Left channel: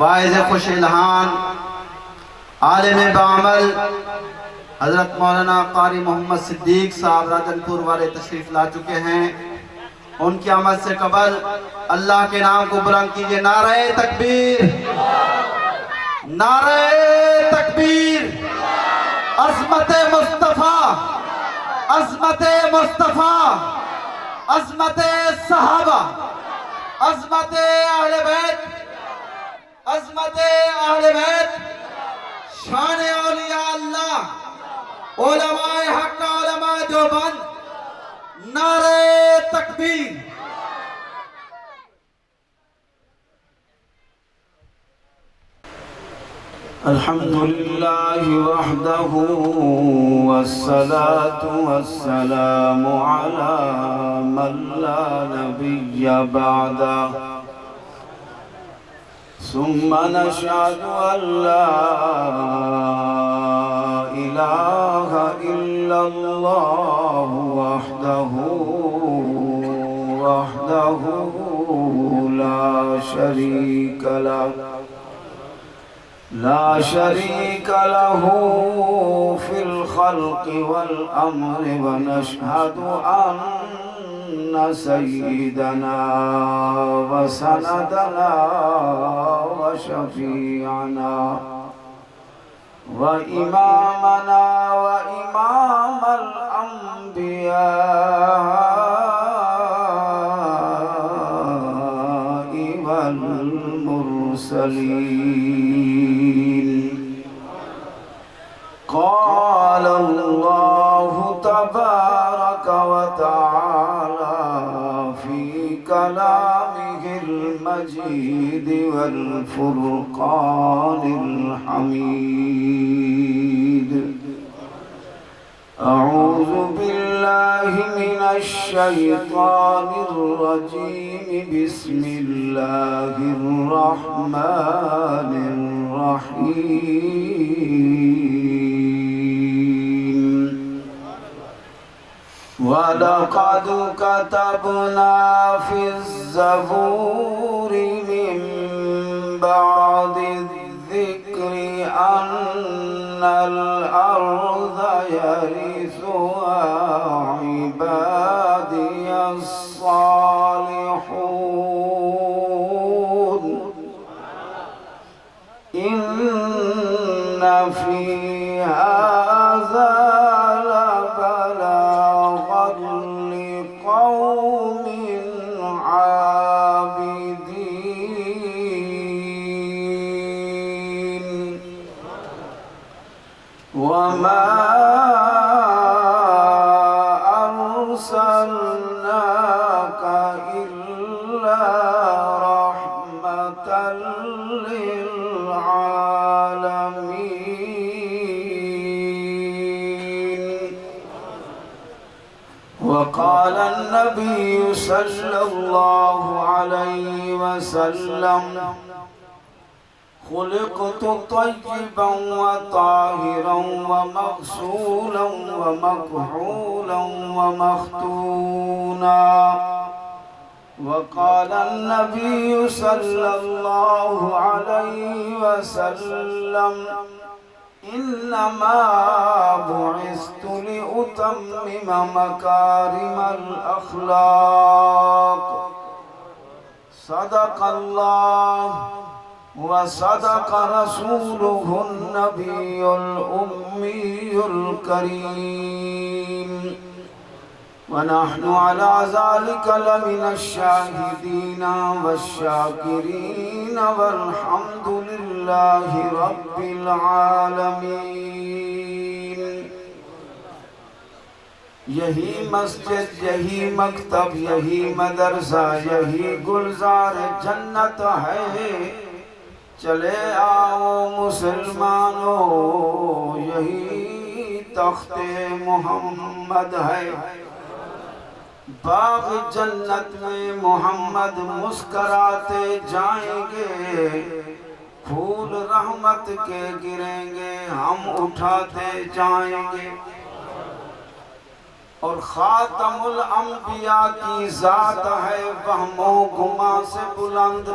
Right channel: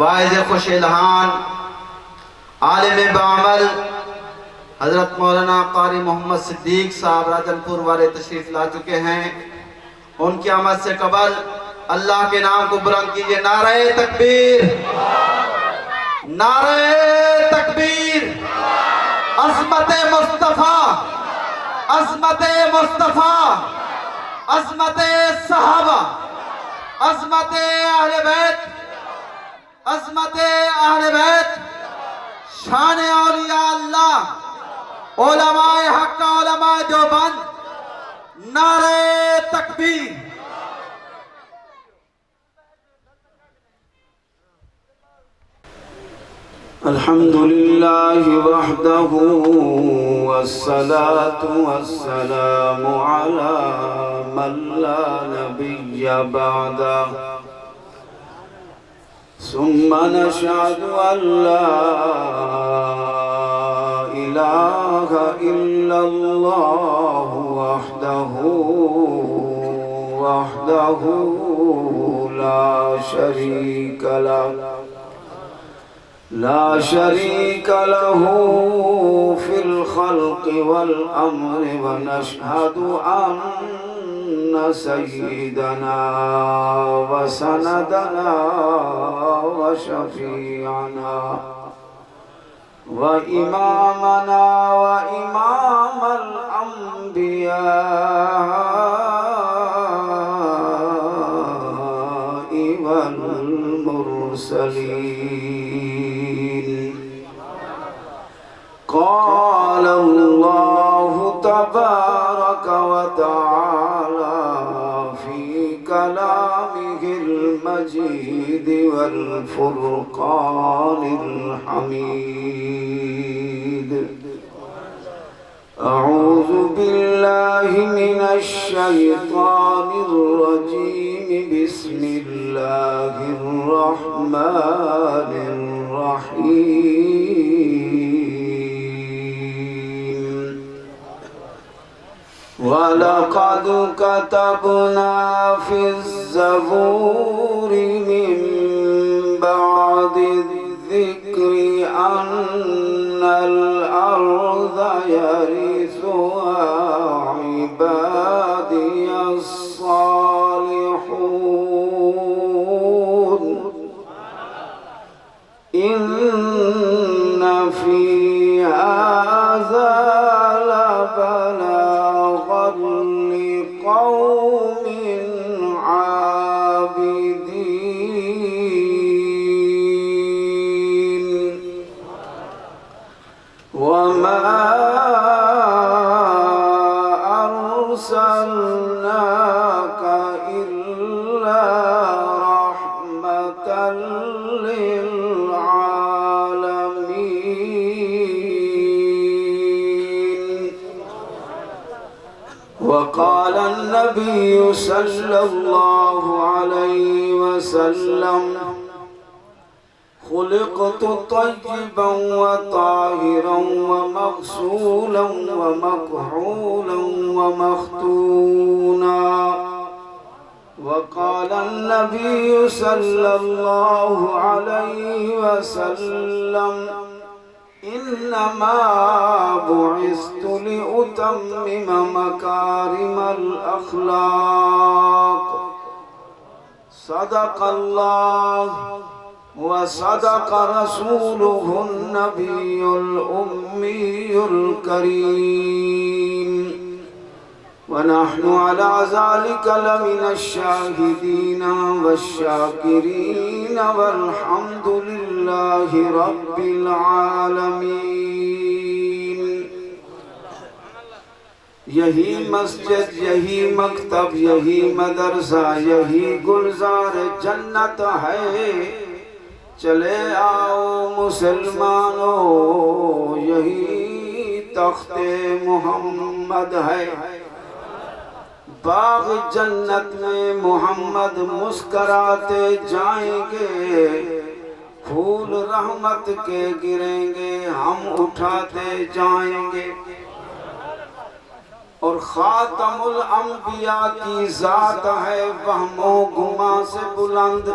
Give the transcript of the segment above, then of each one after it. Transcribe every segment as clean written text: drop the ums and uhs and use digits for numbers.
واعظ خوش الہان، عالم بعمل حضرت مولانا قاری محمد صدیق صاحب راجن پور والے تشریف لا چکے ہیں۔ ان کی آمد سے قبل اللہ کے نام کو بلند کیجئے، نعرہ تکبیر، نعرہ تکبیر۔ عظمت مصطفیٰ، عظمت مصطفیٰ، عظمت صحابہ، عظمت اہل بیت، عظمت اہل بیت، شان اولیاء اللہ، علماء حق، علماء دیوبند، نعرہ تکبیر۔ الحمدللہ وحدہ والصلاة والسلام علی من لا نبی بعدہ، ثم نشهد أن لا إله إلا الله وحده لا شريك له، لا شريك له في الخلق والأمر، ونشهد أن سيدنا وسندنا وشفيعنا وإمامنا وإمام الأنبياء والمرسلين، قال الله تبارك وتعالى في كلامه المجيد والفرقان الحميد: أعوذ بالله من الشيطان الرجيم، بسم الله الرحمن الرحيم. وَلَقَدْ كَتَبْنَا فِي الزَّبُورِ مِن بَعْدِ الذِّكْرِ أَنَّ الْأَرْضَ يَرِثُهَا عِبَادِيَ الصَّالِحُونَ. إِنَّ فِي هَذَا لقوم عابدين. وما أرسلناك إلا رحمة للعالمين. وقال النبي صلى الله عليه وسلم: خلقت طيبا وطاهرا ومغسولا ومكحولا ومختونا. وقال النبي صلى الله عليه وسلم: إنما بعثت لأتمم مكارم الأخلاق. صدق الله وصدق رسوله النبي الأمي الكريم، ونحن على ذلك لمن الشاهدين والشاكرين، والحمد لله رب العالمين. یہی مسجد، یہی مکتب، یہی مدرسہ، یہی گلزار جنت ہے. چلے آؤ مسلمانوں، یہی تخت محمد ہے. باغ جنت میں محمد مسکراتے جائیں گے، پھول رحمت کے گریں گے، ہم اٹھاتے جائیں گے. اور خاتم الانبیاء کی ذات ہے وہم و گما سے بلند،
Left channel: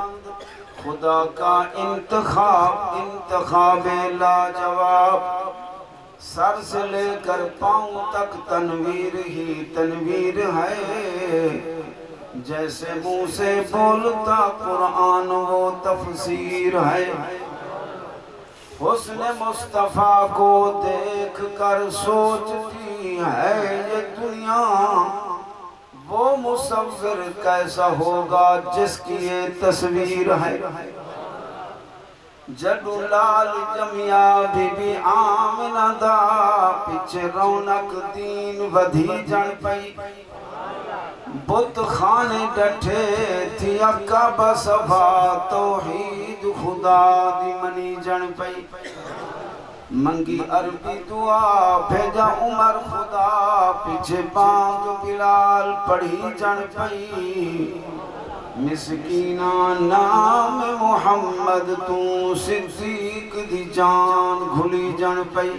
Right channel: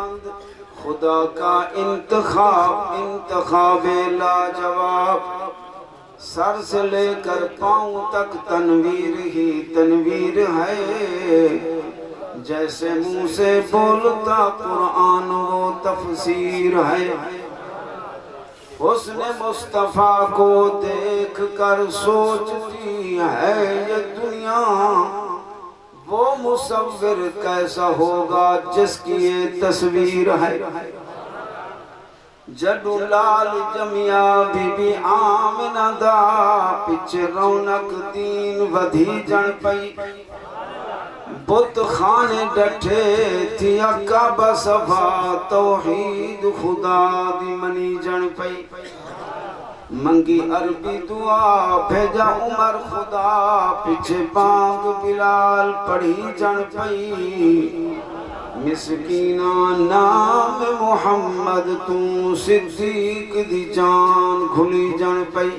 خدا کا انتخاب لاجواب، سر سے لے کر پاؤں تک تنویر ہی تنویر ہے، جیسے منہ سے بولتا قرآن وہ تفسیر ہے۔ حسن مصطفیٰ کو دیکھ کر سوچتی ہے یہ دنیا، وہ مصور کیسا ہوگا جس کی یہ تصویر ہے۔ جڈو لال جمیا بی بی آمنہ دا، پچھے رونق دین ودھی جن پئی، بت خانے ڈٹھے تھی اکعبہ صفا، توحید خدا دی منی جن پئی، منگی عربی دعا بھیجا عمر خدا، پیچھے بانگ بلال پڑھی جن پئی، مسکینہ نام محمد تو صدیق دی جان گھلی جن پئی۔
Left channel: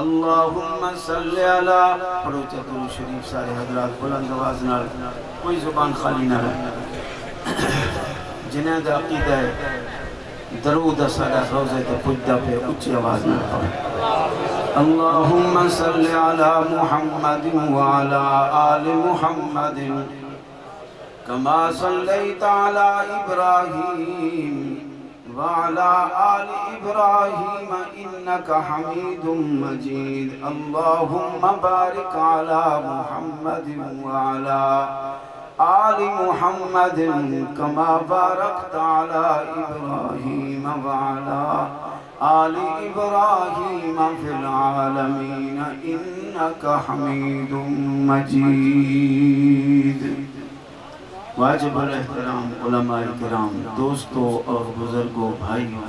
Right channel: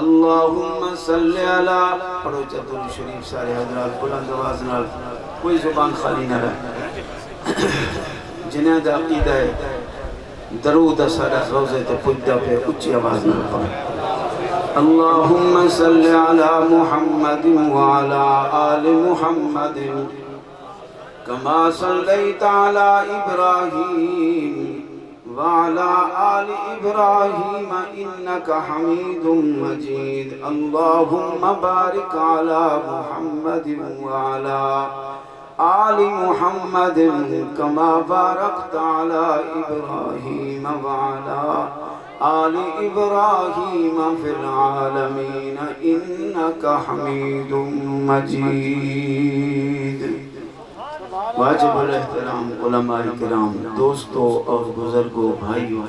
اللہم صلی علی، پڑھو چتر شریف سارے حضرات بلند آواز نال، کوئی زبان خالی نہ رہے، جنہیں دا عقیدہ ہے درود سارا روزے تو پجدہ پہ اچھی آواز نہ پڑھو۔ اللہم صلی علی محمد وعلا آل محمد کما صلیت علی ابراہیم وعلى آل إبراهيم إنك حميد مجيد۔ اللهم بارك على محمد وعلى آل محمد كما باركت على إبراهيم وعلى آل إبراهيم في العالمين إنك حميد مجيد۔ واجب الاحترام علماء کرام، دوستوں اور بزرگوں، بھائیوں،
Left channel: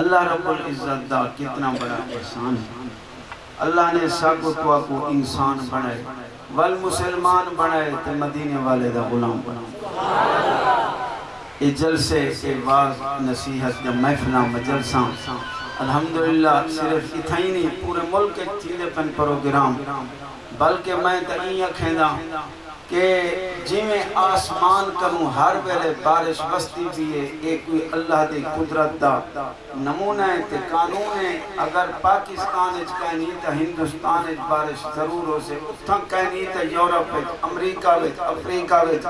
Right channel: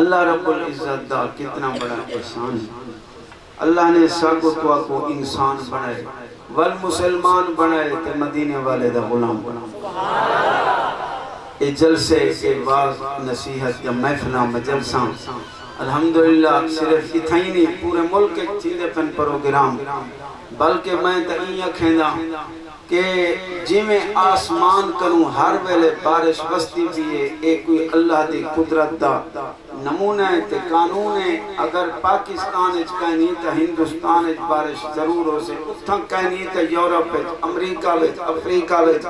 اللہ رب العزت دا کتنا بڑا احسان ہے۔ اللہ نے ساکو کو انسان بنائے، والمسلمان بنائے تے مدینے والے دا غلام بنائے۔ اے جلسے اے واز نصیحت یا محفلہ مجلساں الحمدللہ صرف اتھائی نہیں، پورے ملک ایک تھیلے پن پروگرام، بلکہ میں تئیہ کھیندہ کہ جی میں آسمان کروں ہر ویلے بارش بستی بھی ہے، ایک کوئی اللہ دی قدرت دا نمونہ ہے تے قانون ہے۔ اگر پاکستان اچ کہنی تا ہندوستان اچ بارش ضرور ہو سے، اتھاں کہنی تا یورپ اچ، امریکہ اچ، افریقہ اچ،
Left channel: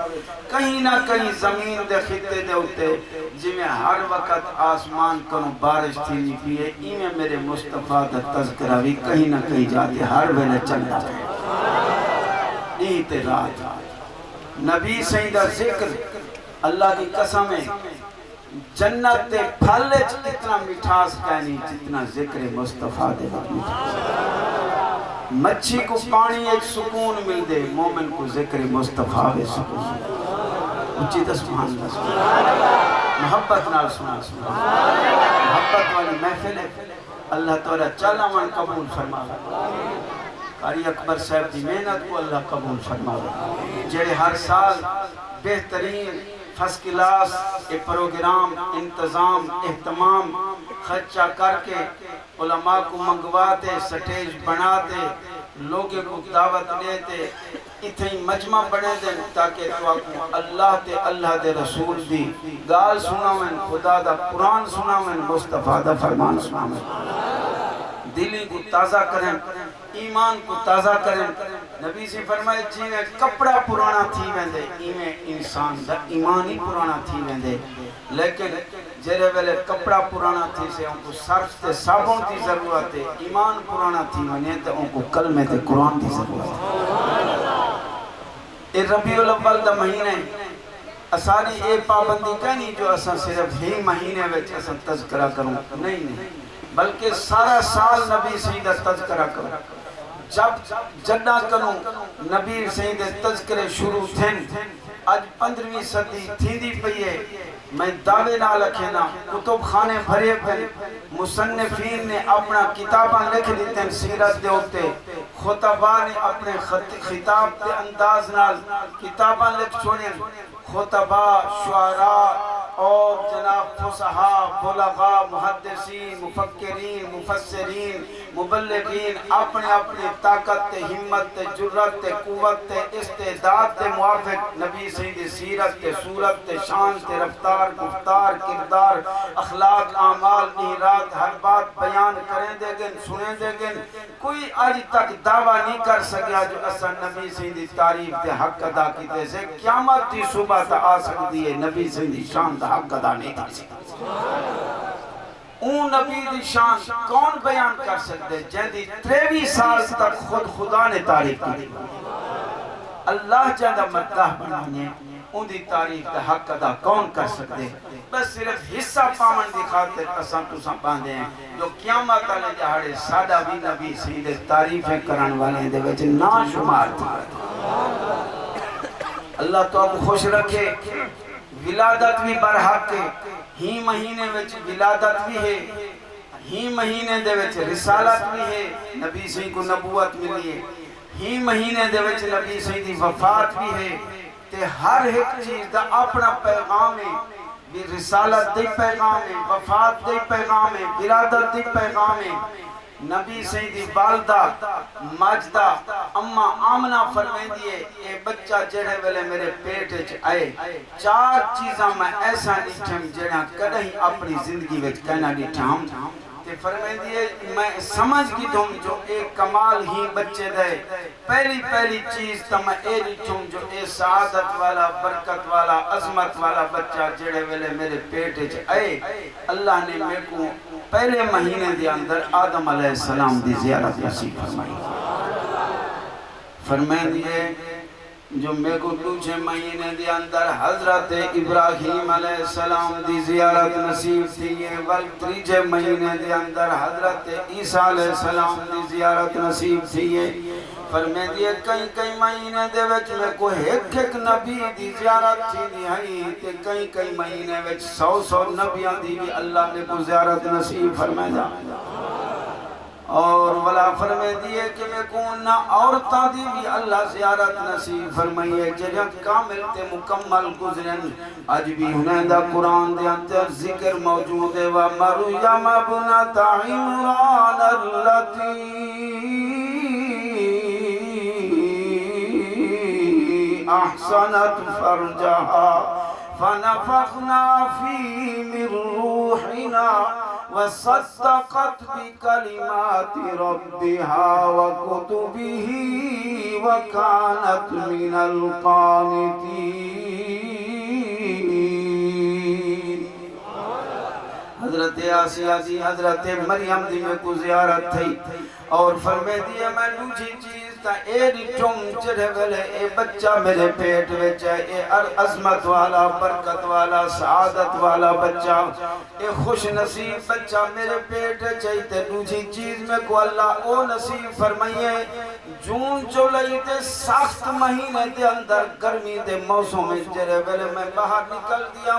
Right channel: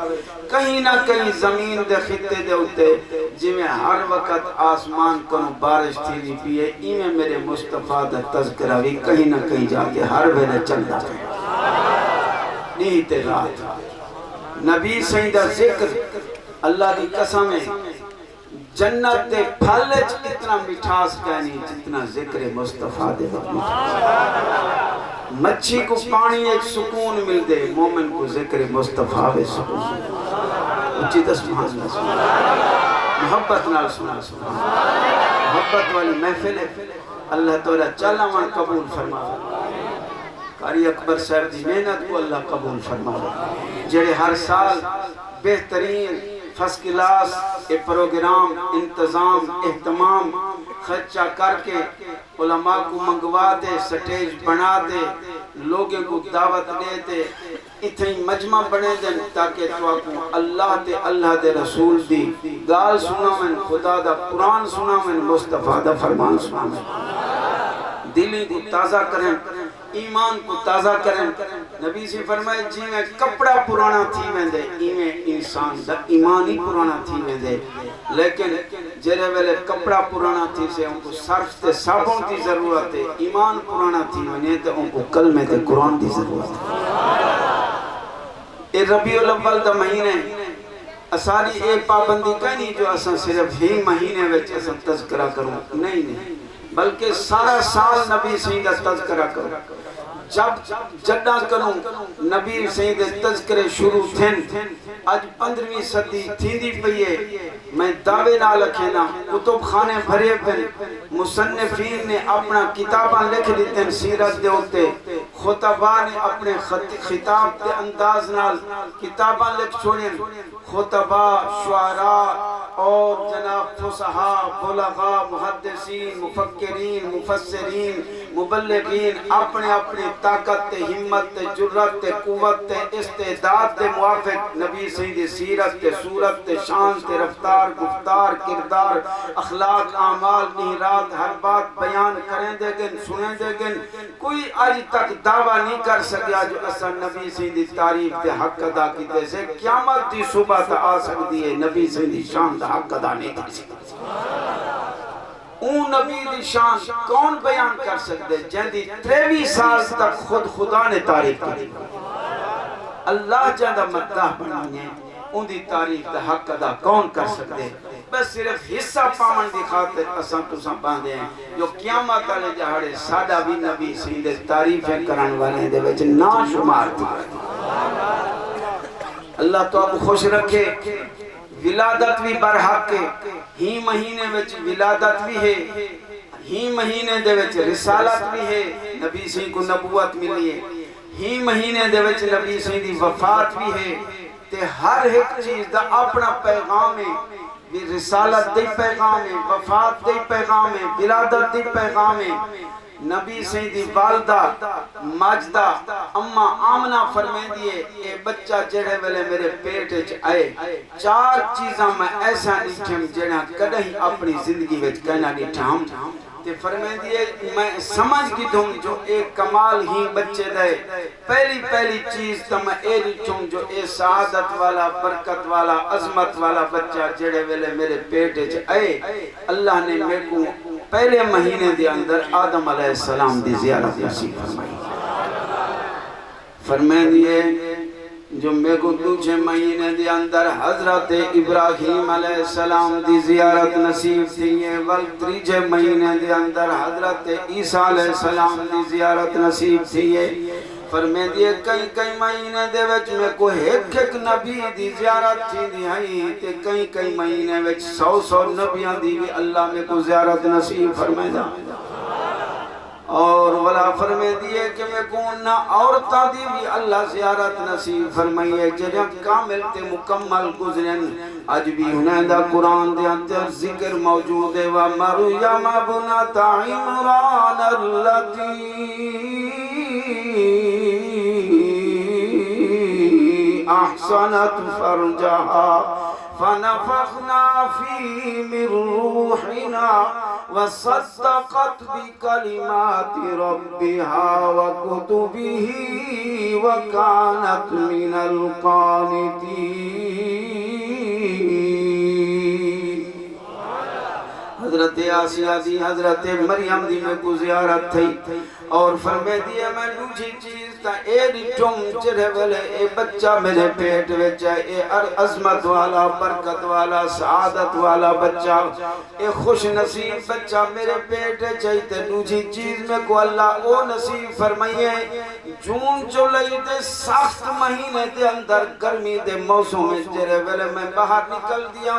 کہیں نہ کہیں زمین دے خطے دے ہوتے جی میں ہر وقت آسمان کروں بارش تھی نہیں پیے، میں میرے مصطفیٰ دا تذکرہ بھی کہیں نہ کہیں جاتے ہر ویلے چل جاتے نیت رات۔ نبی سیدہ ذکر اللہ کی قسم ہے، جنت دے پھلچ اتنا مٹھاس کہنی جتنا ذکر مصطفیٰ دے وقت مٹھاس۔ مچھی کو پانی ایک سکون مل دے، مومن کو ذکر مصطفیٰ بے سکون۔ اچھی سبحان اللہ، محبت نال سنا، محبت والی محفل ہے، اللہ تعالیٰ چلنا من قبول فرما۔ قاری اکبر صاحب دی محنت کو اللہ قبول فرمائے، جڑے ہر سال بہترین فرسٹ کلاس ایک پروگرام انتظام اہتمام خرچہ کر کے علماء کو منگوا دے، سٹیج بنا دے، لوگوں کو دعوت دیتے، اتنی مجمع بنے دیں تاکہ تو اللہ دے رسول دی گال سنا من، خدا دا قرآن سنا من، مصطفیٰ دا فرمان سنا من، دلی کو تازہ کریں، ایمان کو تازہ کریں۔ نبی سے فرمائے جی میں کپڑا پرانا تھی ویندے، میں انسان دا ایمان ہی پرانا تھی ویندے، لیکن جرے ویلے کپڑا پرانا تھی سے ان کو صرف تے صابن کی ضرورت ہے، ایمان پرانا تھی ویندے تے ان کو کلمہ تے قرآن کی ضرورت ہے۔ اے ربیع الاول دا مہینے اساری اے پابندی کا نہیں جو اساں صرف ہی مہینے وچ اساں تذکرہ کروں، نہیں بلکہ سارا سال نبی سید تذکرہ کروں۔ جب جڈا کروں نبی سید تذکرے شروع تھن، آج 15ویں صدی تھیندی پئیے، میں دعوے نہ لکھینا، کتب خانے بھرے پھر، مصنفین نے اپنا کتاباں لکھ دیتے ہیں سیرت دے ہوتے، خطبہ نے اپنے خطاب دے انداز نال کتاباں لکھ چھوڑیں، خطبہ، شعراء اور جناب فصحاء بلغاء محدثین مفکرین مفسرین مبلغین اپنے اپنے طاقت تے ہمت تے جرت تے قوت تے استعداد تے موافق نبی سید سیرت تے صورت تے شان تے رفتار گفتار کردار اخلاق اعمال نہرات ہر بات بیان کریں دے گن سنیں دے گن کوئی آج تک دعویٰ نہیں کر سکیا جو اصلا نبی سید تعریف تے حق ادا کیتے سے قیامت دی صبح تا آ سکتی ہے نبی سید شان دا حق ادا نہیں تھی سکتی اون نبی دی شان کون بیان کر سکتے جن دی 23 سال تک خود خدا نے تعریف کی اللہ جاندہ مداح بنانے ان دی تعریف دا حق ادا کون کر سکتے بس صرف حصہ پامن دی خاطر اساں تساں باندھے ہیں جو قیامت والے جہاڑے سادہ بھی نبی سید تعریفیں کران والے دے وچ نا شمار تھی اللہ تو اب خوش رکھے ولادت بھی برحق ہے ہی مہینے وچ ولادت بھی ہے ہی مہینے دے وچ رسالت بھی ہے نبی سے کو نبوت ملی ہے ہی مہینے دے وچ نبی سے دی وفات بھی ہے تے ہر ایک چیز دا اپنا پیغام ہے بھی رسالت دی پیغام ہے وفات دی پیغام ہے ولادت دی پیغام ہے نبی سیدی والدہ ماجدہ اما آمنہ فرمائیں دیئے اے بچہ جڑے ویلے میرے پیٹ وچ آئے 4 چیزاں میں ایسا نہیں جڑا کدیں اپنی زندگی وچ کہنا نہیں ٹھام تے فرمائیں دیئے میں سمجھ کی دوں جو ایک کمال ہی بچے دے پہلی چیز تو میں اے لٹھوں جو اے سعادت والا برکت والا عظمت والا بچہ جڑے ویلے میرے پیٹ وچ آئے اللہ نے میرے کو پہلے مہینے دے اندر آدم علیہ السلام دی زیارت نصیب فرمائیں دیئے جو میں کو دوسرے مہینے دے اندر حضرت ابراہیم علیہ السلام دی زیارت نصیب تھی تیجے مہینے دے اندر حضرت عیسیٰ علیہ السلام دی زیارت نصیب تھی فرمائیں دیئے کئی مہینے دے وچ میں کو ایک نبی دی زیارت تھی دی ہائی تے کئی مہینے وچ 100 نبیاں دی بھی اللہ میں کو زیارت نصیب فرمائیں دا اور ولا فرمائے دیئے کہ میں کون نہ عورتاں دی بھی اللہ زیارت نصیب فرمائیے جنہاں کامل تے مکمل گزرن آج بھی انہیں دا قرآن دے اندر ذکر موجود ہے وَمَرْيَمَ ابْنَتَ عِمْرَانَ الَّتِي أَحْسَنَتْ فَرْجَهَا فَنَفَخْنَا فِيهِ مِنْ رُوحِنَا وَصَدَّقَتْ بِكَلِمَاتِ رَبِّهَا وَكُتُبِهِ وَكَانَتْ مِنَ الْقَانِتِينَ حضرت آسیہ دی حضرت مریم دی میں کو زیارت تھی اور فرمائے دیئے میں دوسری چیز تا اے ریٹھوں چرے ویلے اے بچہ میرے پیٹ وچ ہے اے عظمت والا برکت والا سعادت والا بچہ اے خوش نصیب بچہ میرے پیٹ چاہیتے دوسری چیز میں کو اللہ او نصیب فرمائیے جون جولائی دے سخت مہینے دے اندر گرمی دے موسم میں چرے ویلے میں باہر نکل دیا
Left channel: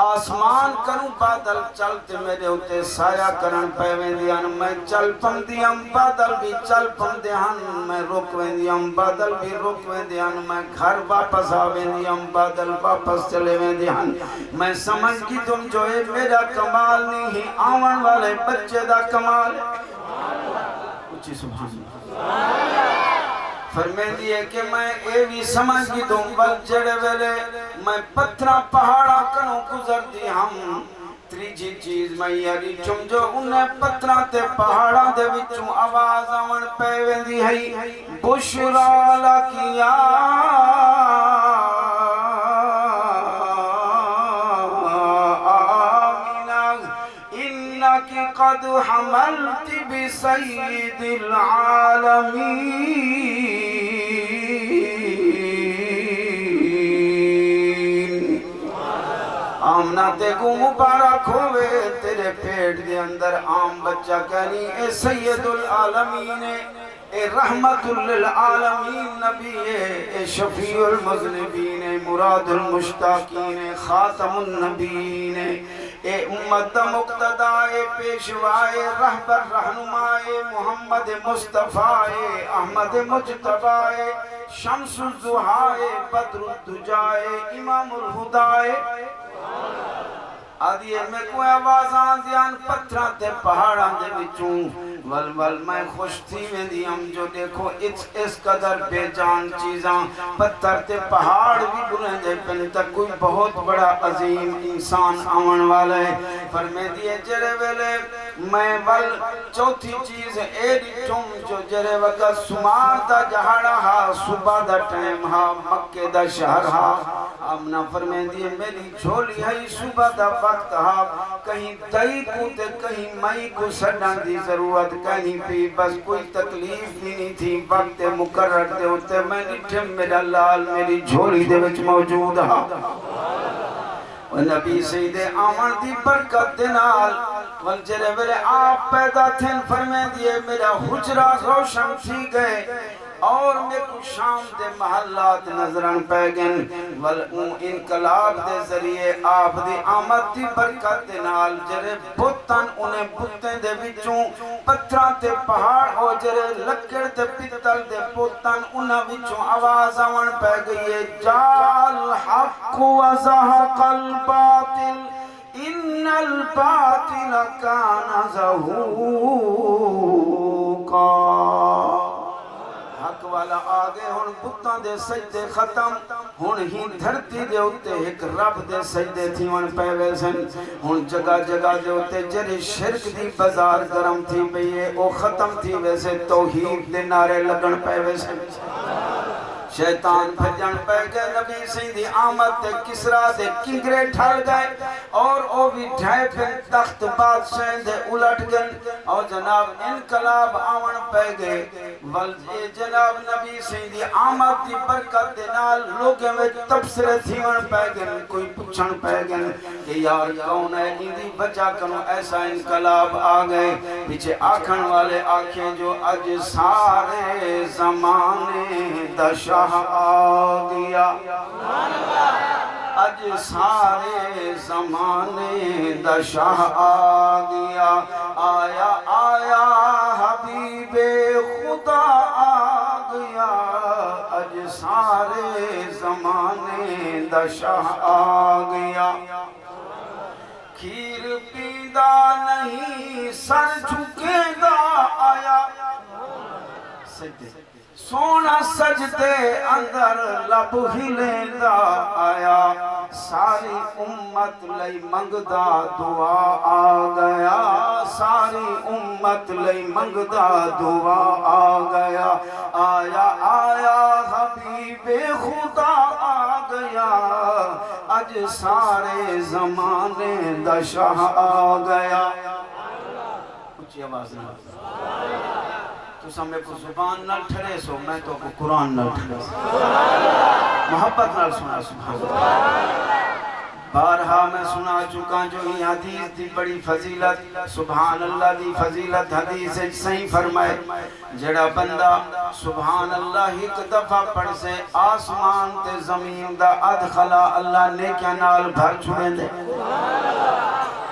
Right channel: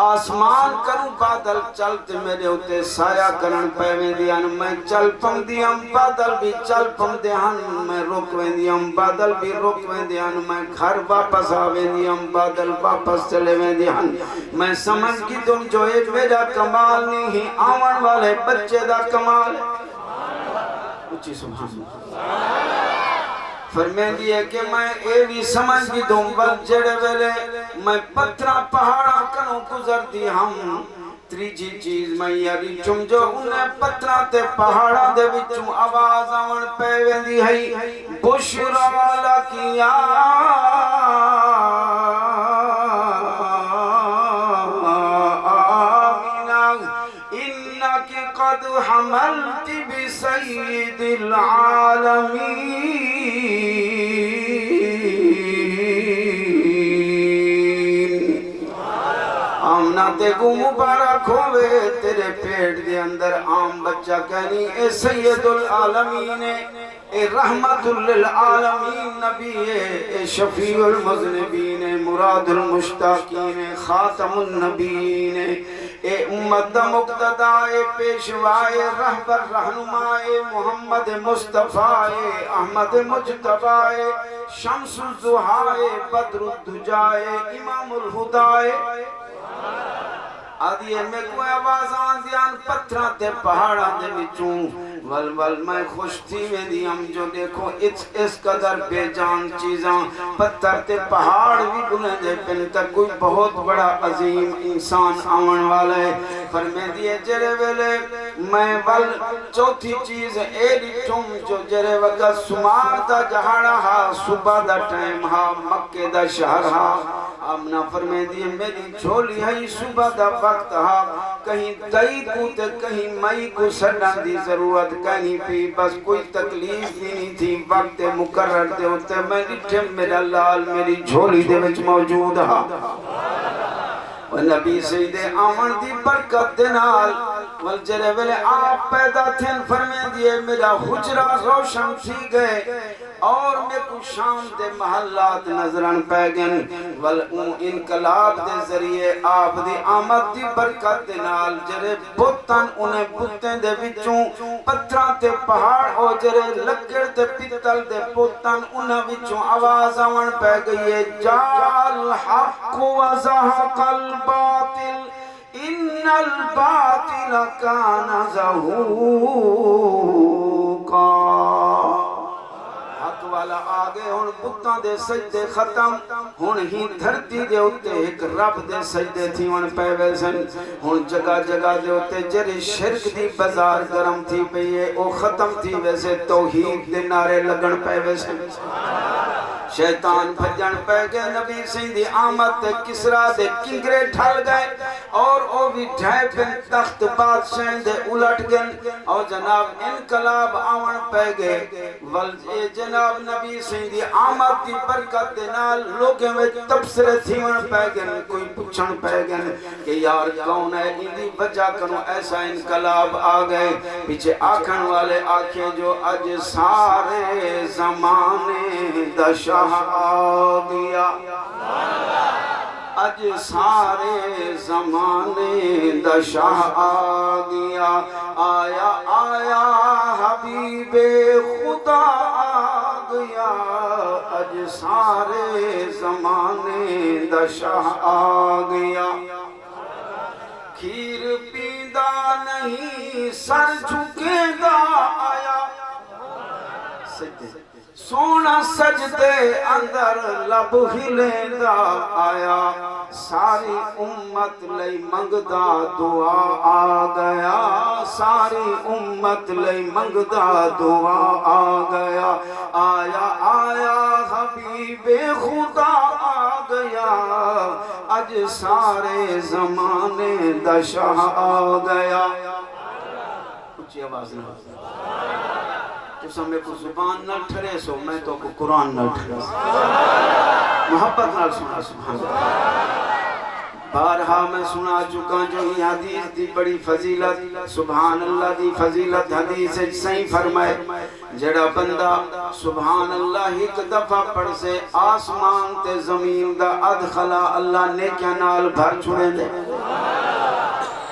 آسمان کروں بادل چلتے میرے ہوتے سایہ کرن پیویں دیاں میں چل پم دیاں بادل بھی چل پم دیاں میں روکویں دیاں بادل بھی روکویں دیاں میں گھر واپس آویں دیاں بادل واپس چلے ویں دیاں میں سمجھ کی تم جو اے میرا کمال نہیں آون والے بچے دا کمال اچھی سبحان فرمائیں دیئے کہ میں اے بھی سمجھ کی دوں بل جڑے ویلے میں پتھرہ پہاڑا کروں گزر دی ہم تریجی چیز میں یاری چم جو انہیں پتھرہ تے پہاڑا دے وچم آواز آون پیویں دی ہے بشرا لکیا قد حملت بسید العالمین آمنہ تے کو مبارک ہوئے تیرے پیٹ دے اندر عام بچہ کہنی اے سید العالمین اے رحمت للعالمین نبی اے شفیع المذنبین مراد المشتاقین خاتم النبیین اے امت دا مقتدائے پیشوائے رہبر رہنمائے محمد مصطفیٰ احمد مجتبائے شمس الزہائے بدر الدجائے امام الہدائے آدھیے میں کوئی آوازان دیان پتھران تے پہاڑان دے بچوں ول میں خوش تھی میں دیم جو دیکھو اس قدر بے جان چیزاں پتھر تے پہاڑ بھی بنے دے پن تک کوئی بہت بڑا عظیم انسان آون والا ہے فرمے دیئے جرے ویلے میں ول چوتھی چیز ایڈی ٹھم جو جرے وقت سمار دا جہاڑا ہا صبح دا ٹائم ہا مکہ دا شہر ہا آمنا فرمے دیئے میری جھولی ہے صبح دا وقت ہا کہیں دائی کو تے کہیں مائی کو سڑنا دی ضرورت کہیں بھی بس کوئی تکلیف بھی نہیں تھی وقت مقرر دے ہوتے میری ٹھم میرا لال میری جھولی دے وچ موجود ہا و نبی سید آمن دی برکت دنال والجرے ویلے آپ پیدا تھن فرمے دیئے میرا حجرہ روشن تھی گئے اور میں کو شام دے محلات نظران پیگن والوں انقلاب دے ذریعے آپ دی آمد دی برکت دے نال جرے بوتن انہیں بوتیں دے وچوں پتھران تے پہاڑ اور جرے لکڑ تے پتل دے بوتن انہیں وچوں آواز آون پہ گئی ہے جال حق و زہق الباطل ان الباطل کان زہوقا حق والا آگے ہن بتاں دے سجدے ختم ہن ہی دھرتی دے ہوتے ایک رب دے سجدے تھی ہن پہ ویسن ہن جگہ جگہ دے ہوتے جرے شرک دی بازار گرم تھی پئیے او ختم تھی ویسے توحید دے نعرے لگن پہ ویسن شیطان بھجن پہ گئے نبی سیندی آمد دے کسرا دے کنگرے ٹھل گئے اور او بھی ڈھائے پہ تخت بادشاہ دے الٹ گئن اور جناب انقلاب آون پہ گئے جناب نبی سیندی آمد دی برکت دے نال لوگیں میں تبصرے تھیون پہ گئن کوئی پچھن پہ گئن کہ یار کون ہے اندی وجہ کروں ایسا انقلاب آ گئے پیچھے آکھن والے آنکھیں جو اج سارے زمانے دشا آگیا اج سارے زمانے دشاہ آگیا آیا آیا حبیب خدا آگیا اج سارے زمانے دشاہ آگیا کھیر پیدا نہیں سر جھکے گا آیا سونا سجدے اندر لب ہلے دا آیا ساری امت لئی منگدا دعا آ گیا ساری امت لئی منگدا دعا آ گیا آیا آیا حبیب خدا آ گیا اج سارے زمانے دشاہ آ گیا اچھی آواز نہیں تو سمیں کو زبان نہ ٹھرے سو میں تو کو قرآن نہ ٹھرے سو محبت نہ سنا سبحان بارہا میں سنا چکا جو ہی حدیث دی بڑی فضیلت سبحان اللہ دی فضیلت حدیث صحیح فرمائے جڑا بندہ سبحان اللہ ایک دفعہ پڑھ سے آسمان تے زمین دا ادخلا اللہ نیکیاں نال بھر چھوڑے دے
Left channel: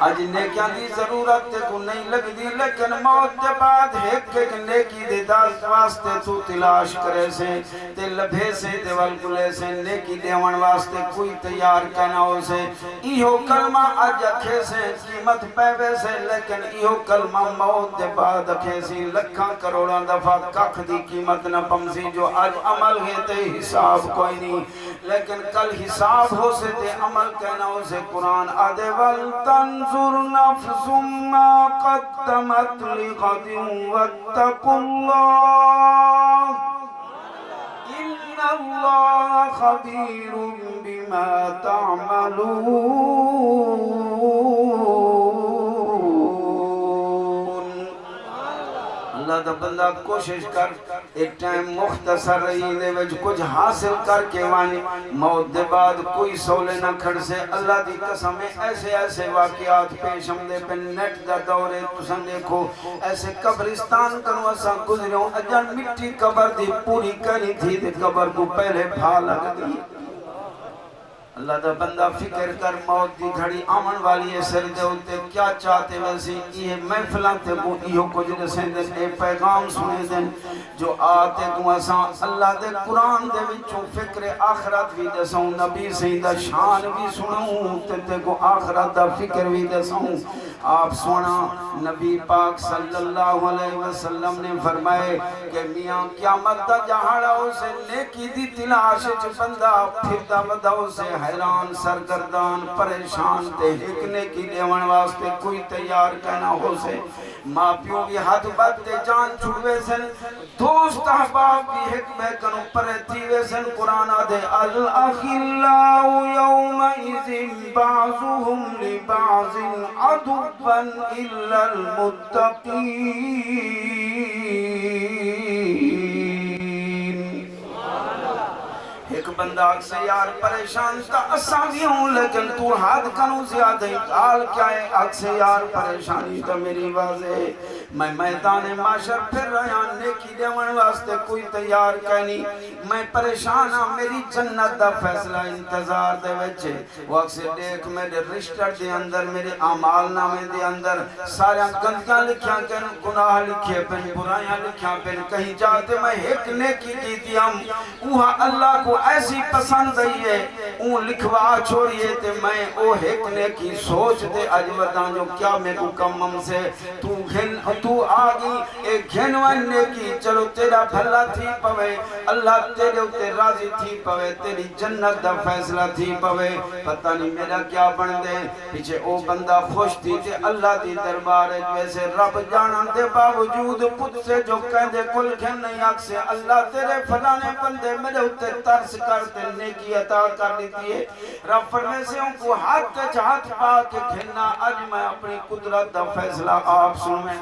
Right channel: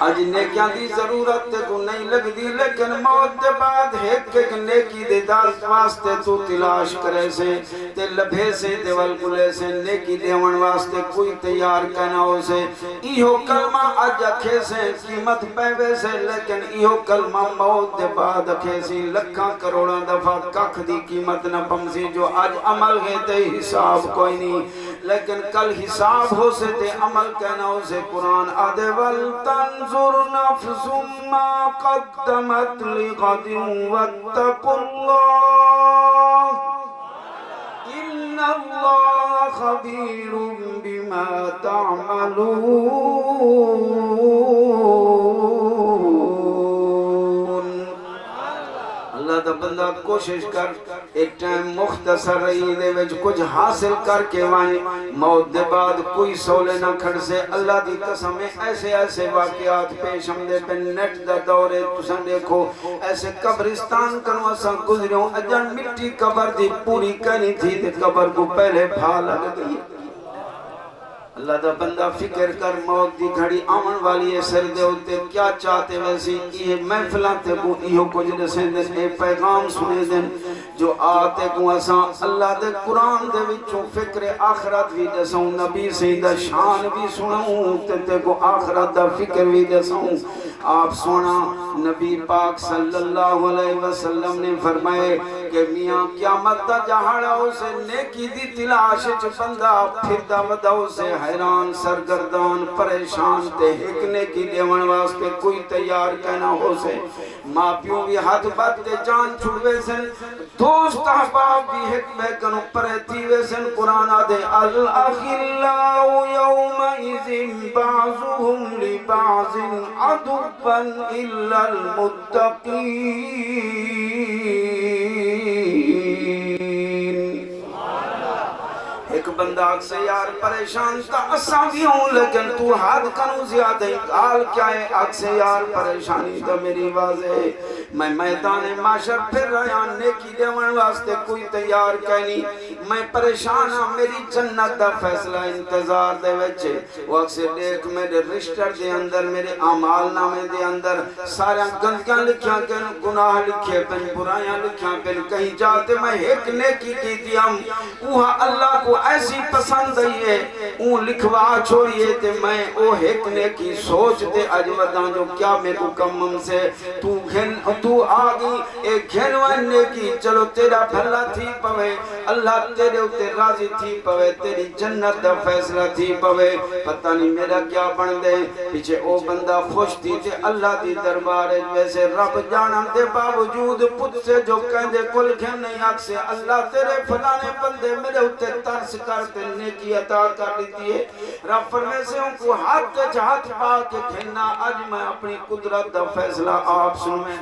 آج نیکیاں دی ضرورت کو نہیں لگ دی لیکن موت دے بعد ایک نیکی دے داز واسطے تو تلاش کرے سے تے لبھے سے تے والکلے سے نیکی دیوان واسطے کوئی تیار کہنا ہو سے ایہو کلمہ آج اکھے سے قیمت پیوے سے لیکن ایہو کلمہ موت دے بعد اکھے سی لکھاں کروڑاں دفعہ ککھ دی قیمت نہ پمسی جو آج عمل گئے تے حساب کوئی نہیں لیکن کل حساب ہو سے تے عمل کہنا ہو سے قرآن آدھے وَلْتَنْظُرْ نَفْسٌ مَا قَدَّمَتْ لِغَدٍ وَاتَّقُوا اللَّهَ إِنَّ اللَّهَ خَبِيرٌ بِمَا تَعْمَلُونَ اللہ دا بندہ کوشش کر ایک ٹائم مختصر رہی دے وچ کچھ حاصل کر کے وانی موت دے بعد کوئی سولے نہ کھڑ سے اللہ دی قسم ایسے ایسے واقعات پیش ہم دے پہ نیٹ دا دورے تسن دیکھو ایسے قبرستان کروں اسا گزریوں اجن مٹی قبر دی پوری کرنی تھی تے قبر کو پہلے پھا لگ گئی اللہ دا بندہ فکر کر موت دی گھڑی آمن والی ہے سر دے ہوتے کیا چاہتے ویسی یہ محفلہ تے کو ایہو کچھ رسے دن اے پیغام سنے دن جو آتے کو اساں اللہ دے قرآن دے وچوں فکر آخرت بھی دسوں نبی سیدہ شان بھی سنوں تے کو آخرت دا فکر بھی دسوں آپ سونا نبی پاک صلی اللہ علیہ وسلم نے فرمائے کہ میاں قیامت دا جہاڑا اسے نیکی دی تلاش چ بندہ پھر دا ودا اسے حیران سرگردان پریشان تے ایک نیکی دیون واسطے کوئی تیار کہنا ہو سے ماں پیوں بھی ہاتھ بات کے جان چھڑوے سن دوست احباب بھی حکمہ کنو پرے تیوے سن قرآن آدھے الاخلاء یومئذ بعضهم لبعض عدو إلا المتقين ایک بندہ اکسے یار پریشان تا اساں بھی ہوں لیکن تو حد کنو زیادہ حال کیا ہے اکسے یار پریشانی تو میری واضح میں میدان معاشر پھر رہا نیکی دیون واسطے کوئی تیار کہنی میں پریشان ہوں میری جنت دا فیصلہ انتظار دے وچے وہ اکسے دیکھ میرے رشتر دے اندر میرے اعمال نامے دے اندر سارے گندگیاں لکھیاں کن گناہ لکھے پن برائیاں لکھیاں پن کہیں جاتے میں ایک نیکی کی دیام وہاں اللہ کو ایسی پسند ہے اون لکھوا چھوڑیے تے میں او ایک نیکی سوچ دے اج بداں جو کیا میں کو کمم سے تو آگی ایک گھنوان نیکی چلو تیرا بھلا تھی پوے اللہ تیرے اتے راضی تھی پوے تیری جنت دا فیصلہ تھی پوے پتہ نہیں میرا کیا بن دے پیچھے او بندہ خوش تھی تے اللہ دی دربار ویسے رب جانا دے باوجود پت سے جو کہندے کل گھن نہیں آگ سے اللہ تیرے فلانے بندے میرے اتے ترس کرتے نیکی عطا کر لیتی ہے رب فرمے سے ان کو ہاتھ جہات پا کے گھننا آج میں اپنی قدرت دا فیصلہ آپ سنویں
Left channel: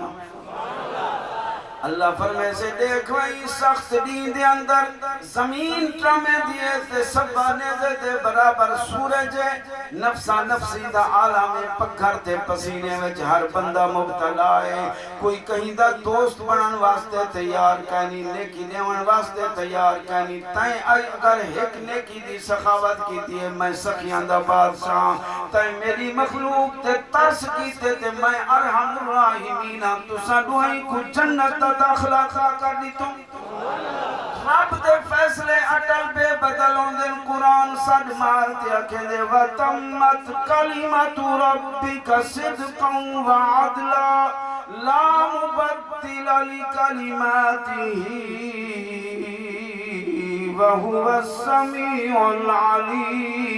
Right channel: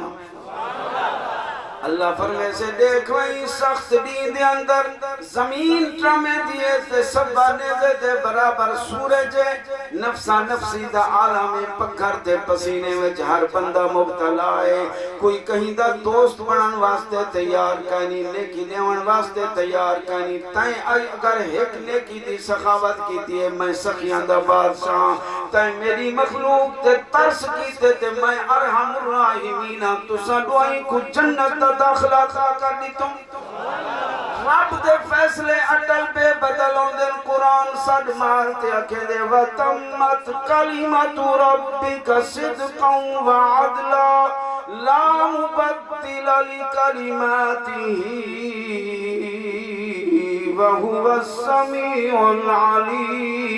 اللہ فرمے سے دیکھو اس سخت دین دے اندر زمین ٹرامے دیئے تے سبا نیزے دے برابر سورج نفسا نفسی دا عالم پکھر تے پسینے وچ ہر بندہ مبتلا ہے کوئی کہیں دا دوست بنن واسطے تیار کہنی نیکی نیون واسطے تیار کہنی تائیں اگر ایک نیکی دی سخاوت کیتی ہے میں سخیاں دا بادشاہ تائیں میری مخلوق تے ترس کیتے تے میں ارحم الراحمین تو ساڈوائیں کو جنت داخلہ کھا کر دی تم رب دے فیصلے اٹل بے بدل ہوندن قرآن صد مارتے اکھے دے وَتَمَّتْ كَلِمَةُ رَبِّكَ صِدْقًا وَعَدْلًا لَا مُبَدِّلَ لِكَلِمَاتِهِ وَهُوَ السَّمِيعُ الْعَلِيمُ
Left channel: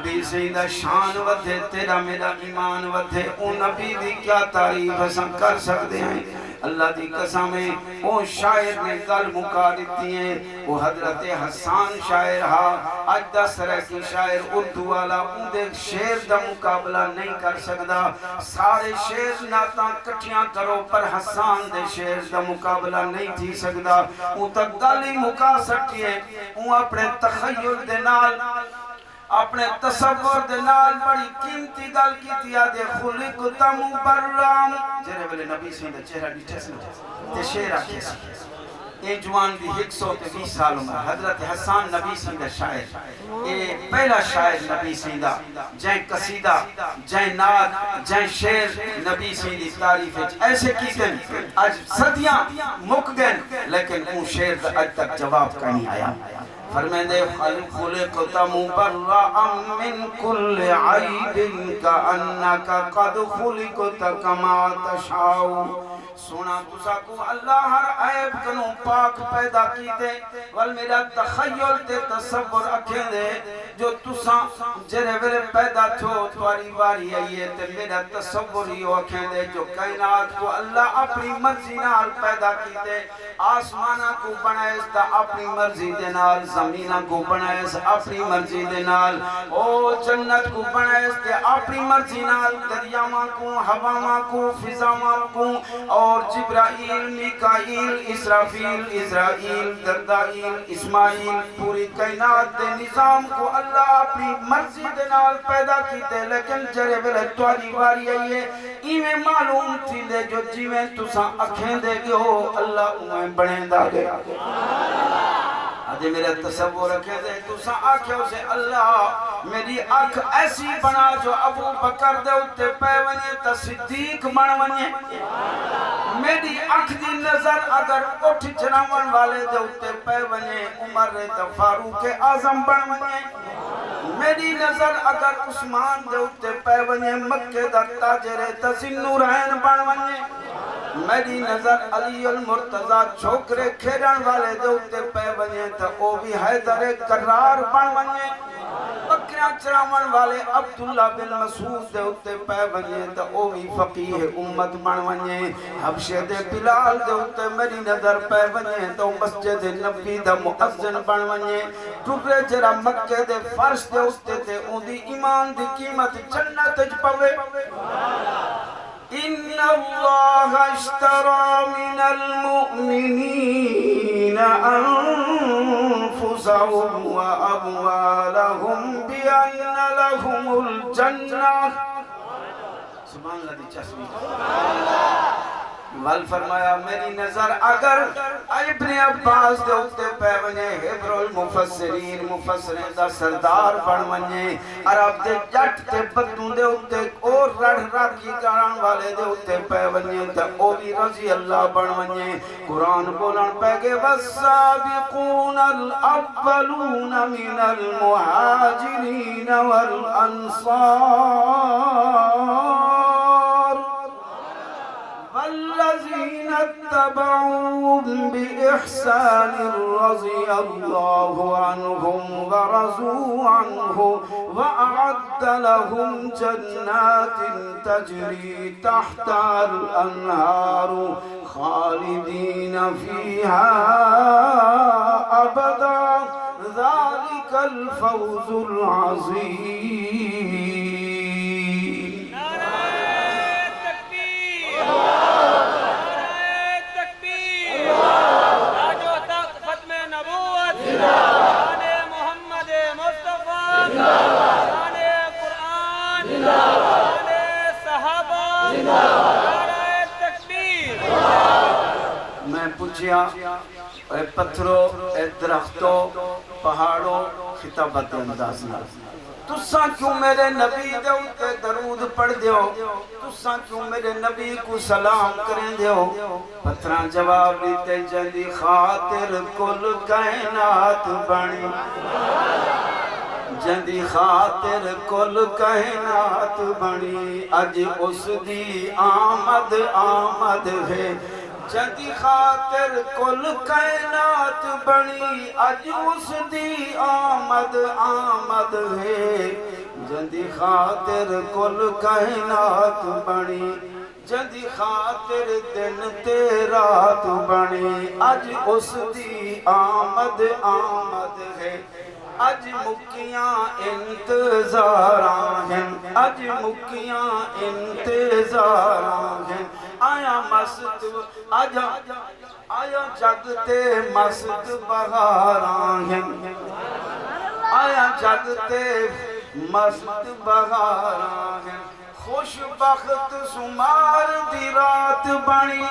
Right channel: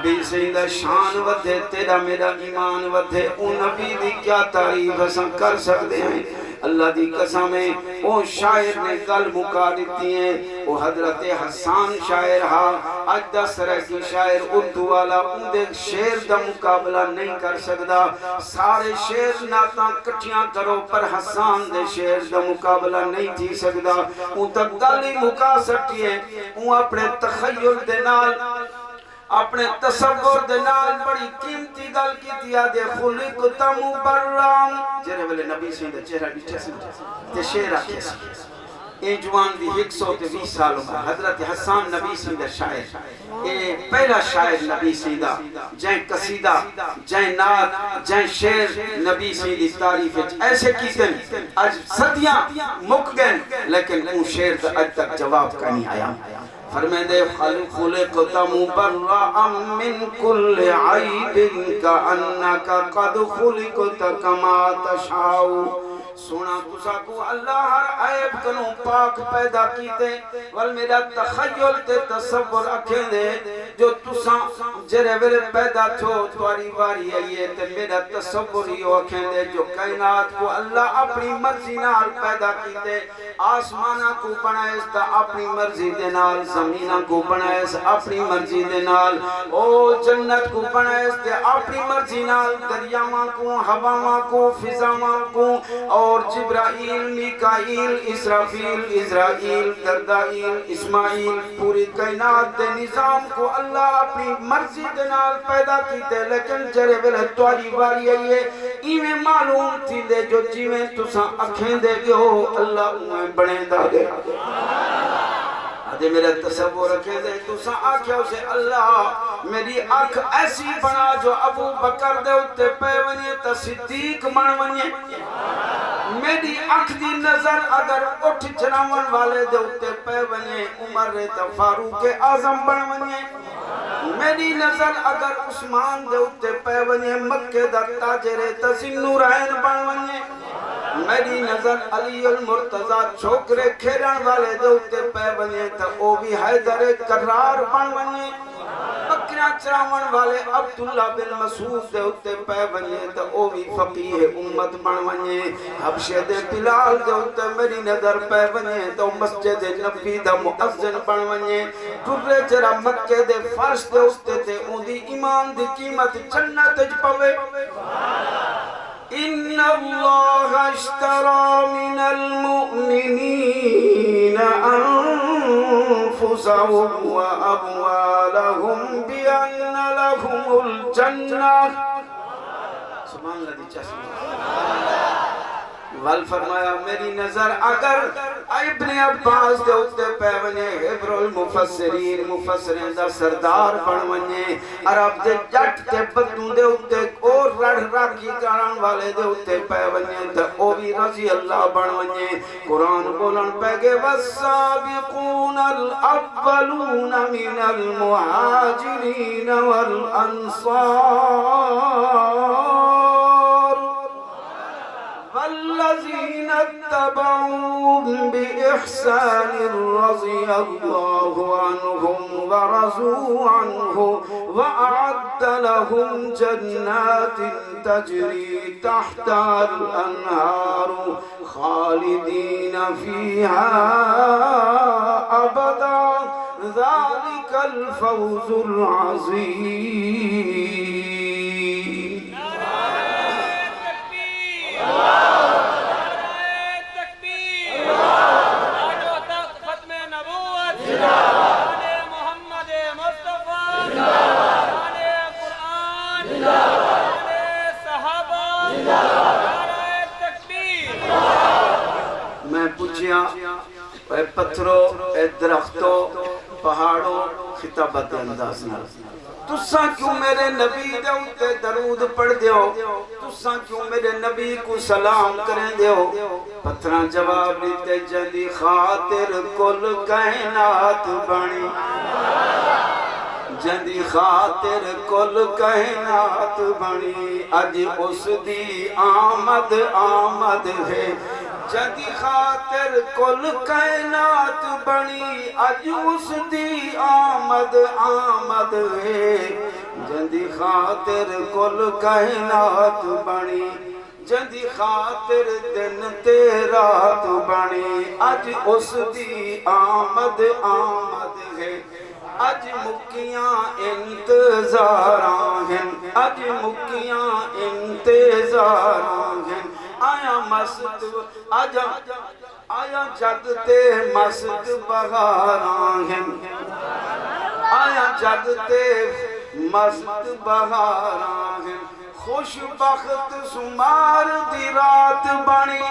نبی سیدہ شان ودھے تیرا میرا ایمان ودھے اون نبی دی کیا تعریف ہم کر سکتے ہیں اللہ دی قسمیں وہ شاعر نے گل مکا دیتی ہیں وہ حضرت حسان شاعر ہاں آج 10 طرح کی شاعر اردو والا ان دے شعر دا مقابلہ نہیں کر سکتا سارے شعر ناتاں کٹھیاں کرو پر حسان دے شعر دا مقابلہ نہیں تھی سکتا ان تک گالی مکا سکتی ہے ان اپنے تخیل دے نال اپنے تصور دنال بڑی قیمتی گل کی دیا دے خلقت مبرم جرے ویلے نبی سے اندر چہرہ ڈیٹھے سے تے شعر آکھے سی اے جوان دی 120 سالوں میں حضرت حسان نبی سے اندر شاعر اے پہلا شاعر نبی سے اندر جائیں قصیدہ جائیں نعت جائیں شعر نبی سے اندر تعریف ایسے کیتے ہیں آج صدیاں مک گئے لیکن ان شعر دا اج تک جواب کا نہیں آیا فرمیدے خلقت مبرأ من کل عیب کأنک قد خلقت کما تشاؤ سونا تسا کو اللہ ہر عیب کنو پاک پیدا کیتے وال میرا تخیل تے تصور اکھے دے جو تسا جرے ویلے پیدا تھو تواری واری آئیے تے میرا تصور ہی اکھے دے جو کائنات کو اللہ اپنی مرضی نال پیدا کیتے آسمانہ کو بنائے تا اپنی مرضی دے نال زمینہ کو بنائے اپنی مرضی دے نال او جنت کو بنائے تے اپنی مرضی نال دریاواں کو ہواواں کو فضاواں کو اور جبرائیل میکائیل اسرافیل اسرائیل دردائیل اسماعیل پوری کائنات دے نظام کو اللہ اپنی مرضی دے نال پیدا کیتے لیکن جرے ویلے تواری واری آئیے ایویں معلوم تھی دے جو جیویں تساں اکھیں دے گے ہو اللہ انہیں بڑھیں دا گے آدھے میرا تصور رکھے دے تو سا آکھے اسے اللہ میری آنکھ ایسی بنا جو ابو بکر دے اتے پہ ونیے تا صدیق بن ونیے میری آنکھ دی نظر اگر اٹھ جناون والے دے اتے پہ ونیے عمر تا فاروق اعظم بن ونیے میری نظر اگر عثمان دے اتے پہ ونیے مکہ دا تاجر تسیم نورین بن ونیے میری نظر علی المرتضی چھوکرے کھیران والے دے اتے پہ ونیے تا او بھی حیدر کرار بن ونیے بکریاں چراون والے عبداللہ بن مسعود دے اتے پہ ونیے تا او بھی فقیہ امت بن ونیے حبشے دے بلال دے اتے میری نظر پہ ونیے تا مسجد نبی دا مؤذن بن ونیے ٹکرے جرا مکہ دے فرش دے اتے تے اون دی ایمان دی قیمت جنت اج پوے ان اللہ اشترى من المؤمنین انفسهم واموالهم بان لهم الجنہ سبحان اللہ دی چشمی وال فرمایا میری نظر اگر ابن عباس دے اتے پہ ونیے حبر المفسرین مفسرین دا سردار بن ونیے عرب دے جٹ تے بدوں دے اتے اور رڑھ راکی کران والے دے اتے پہ ونیے تا او بھی رضی اللہ بن ونیے قرآن بولن پہ گے والسابقون الاولون من المہاجرین والانصار والذين اتبعوهم بإحسان رضي الله عنهم ورضوا عنه وأعد لهم جنات تجري تحتها الأنهار خالدين فيها أبدا ذلك الفوز العظيم میں پوچھیا اے پتھروں اے درختوں پہاڑوں خطابت انداز نہ تساں کیوں میرے نبی دے اتے درود پڑھ دیو تساں کیوں میرے نبی کو سلام کریں دیو پتھراں جواب دیتے جندی خاطر کل کائنات بنی جندی خاطر کل کائنات بنی اج اس دی آمد آمد ہے جندی خاطر کل کائنات بنی اج اس دی آمد آمد ہے جندی خاطر کل کائنات بنی جندی خاطر دن تے رات بنی اج اس دی آمد آمد ہے اج مکیاں انتظاراں ہیں اج مکیاں انتظاراں ہیں آیا مست آیا جگ تے مست بہاراں ہیں آیا جگ تے مست بہاراں ہیں خوش بخت سمار دی رات بنی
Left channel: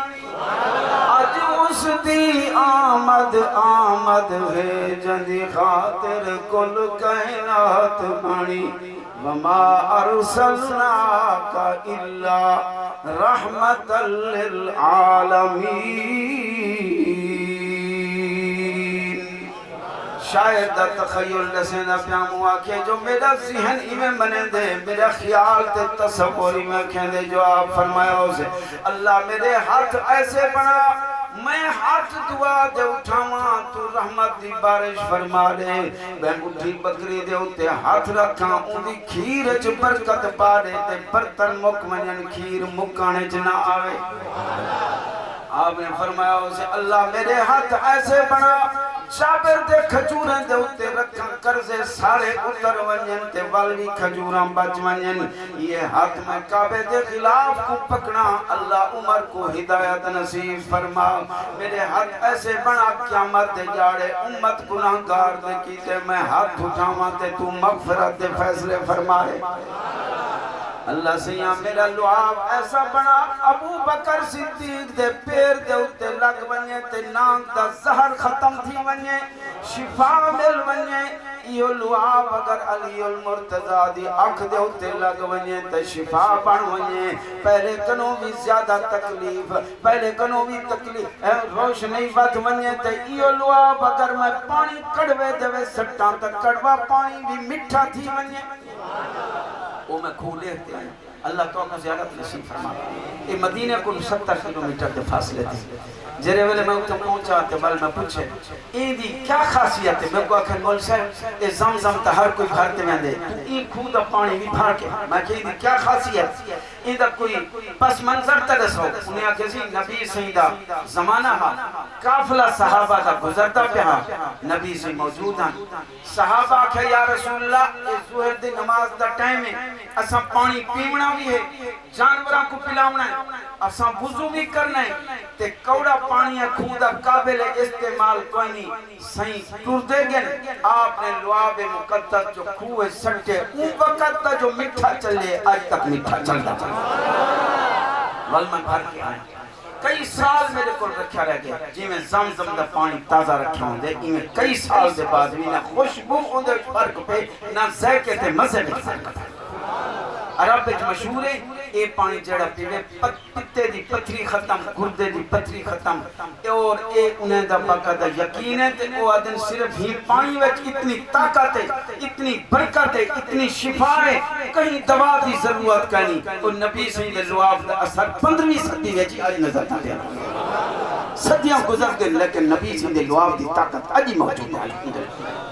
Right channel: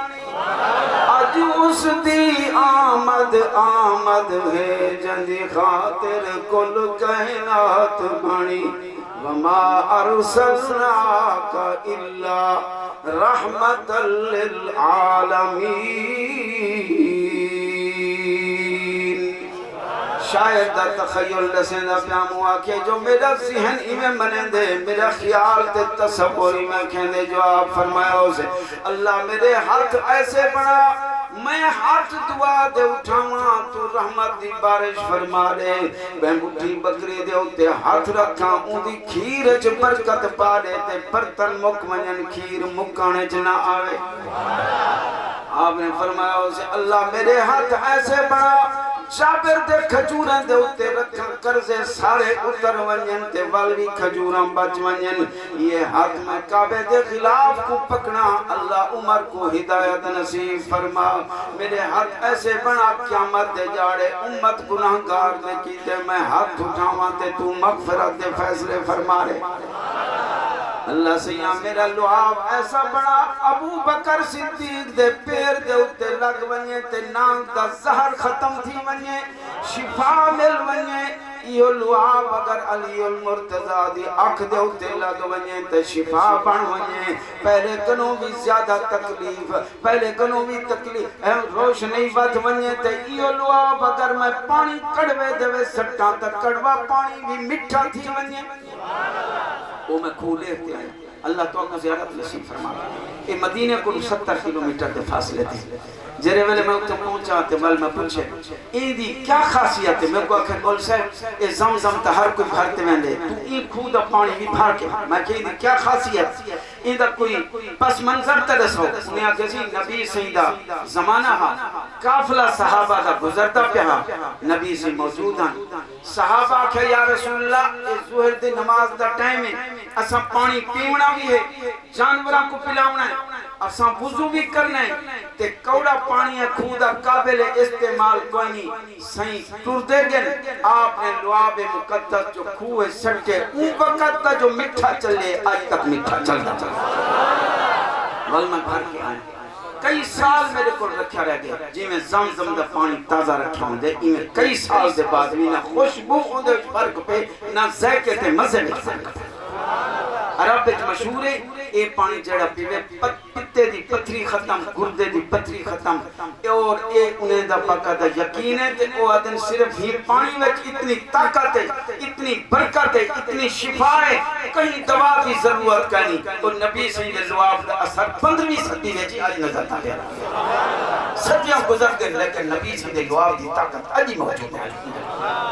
اج اس دی آمد آمد ہے جندی خاطر کل کائنات بنی وما ارسلناک الا رحمت للعالمین شاید دا تخیل لسینا پیام ہوا کہ جو میرا ذہن میں بنے دے میرا خیال تے تصوری میں کہنے جو آپ فرمایا اسے اللہ میرے ہاتھ ایسے بڑا میں ہاتھ دعا دے اٹھاواں تو رحمت دی بارش فرما دے میں اٹھی بکری دے اتے ہاتھ رکھاں ان دی کھیر چ برکت پا دے تے برتن مکمنن کھیر مکانے چ نہ آوے آپ نے فرمایا اسے اللہ میرے ہاتھ ایسے بڑا شابر دے کھجوراں دے اتے رکھن کرزے سارے اتر ونین تے والوی کھجوراں بچ ونین یہ ہاتھ میں کعبے دے خلاف کو پکنا اللہ عمر کو ہدایت نصیب فرما میرے ہاتھ ایسے بنا قیامت دے جاڑے امت گناہگار نے کیتے میں ہاتھ اٹھاواں تے تو مغفرت دے فیصلے فرما رہے اللہ سیاں میرا لعاب ایسا بڑا ابو بکر صدیق دے پیر دے اتے لگ ونجے تے نانگ دا زہر ختم تھی ونجے شفا مل ونجے یہ لعاب اگر علی المرتضی دی اکھ دے اتے لگ ونجے تے شفا بن ونجے پہلے کنوں بھی زیادہ تکلیف پہلے کنوں بھی تکلیف روشنی بات ونجے تے یہ لعاب اگر میں پانی کڑوے دے سٹاں تے کڑوا پانی بھی مٹھا تھی ونجے وہ میں کھولے ہوتے ہیں اللہ تو اپنا زیارت نصیب فرما یہ مدینہ کو 70 کلومیٹر کے فاصلے تھے جرے ویلے میں اتنے پہنچا تے بل میں پوچھے این دی کیا خاصیت ہے میں کو آکھیں بول صاحب یہ زمزم تا ہر کوئی بھرتے میں دے تو این خود پانی بھی بھر کے میں کہیں دی کیا خاصیت این دا کوئی پس منظر ترس ہو انہیں آکھے سی نبی سیدہ زمانہ ہاں کافلہ صحابہ دا گزرتا پہ ہاں نبی سے موجود ہیں صحابہ آکھے یا رسول اللہ اس ظہر دے نماز دا ٹائم ہے اساں پانی پیونا بھی ہے جانوراں کو پلاونا ہے اساں وضو بھی کرنا ہے تے کوڑا پانی کھودا قابل استعمال کوئی نہیں صحیح ٹر دے گئے آپ نے لعاب مقدس جو کھوئے سٹے ان وقت کا جو مٹھا چلے آج تک مٹھا چلتا چلتا ولمن بھر کے آئے کئی سال میرے کو رکھا رہ گیا جی میں زمزم دا پانی تازہ رکھا ہوں دے میں کئی سال دے بعد بھی نہ خوشبو ہوں دے فرق پہ نہ ذائقے تے مزے میں فرق پہ عرب ایک مشہور ہے اے پانی جڑا پیوے پتے دی پتھری ختم گردے دی پتھری ختم اور اے انہیں دا پاکا دا یقین ہے تے او آدن صرف ہی پانی وچ اتنی طاقت ہے اتنی برکت ہے اتنی شفا ہے کہیں دوا کی ضرورت کرنی تو نبی سید لعاب دا اثر 15ویں صدی وچ آج نظر آ گیا صدیاں گزر گئے لیکن نبی سید لعاب دی طاقت اج موجود ہے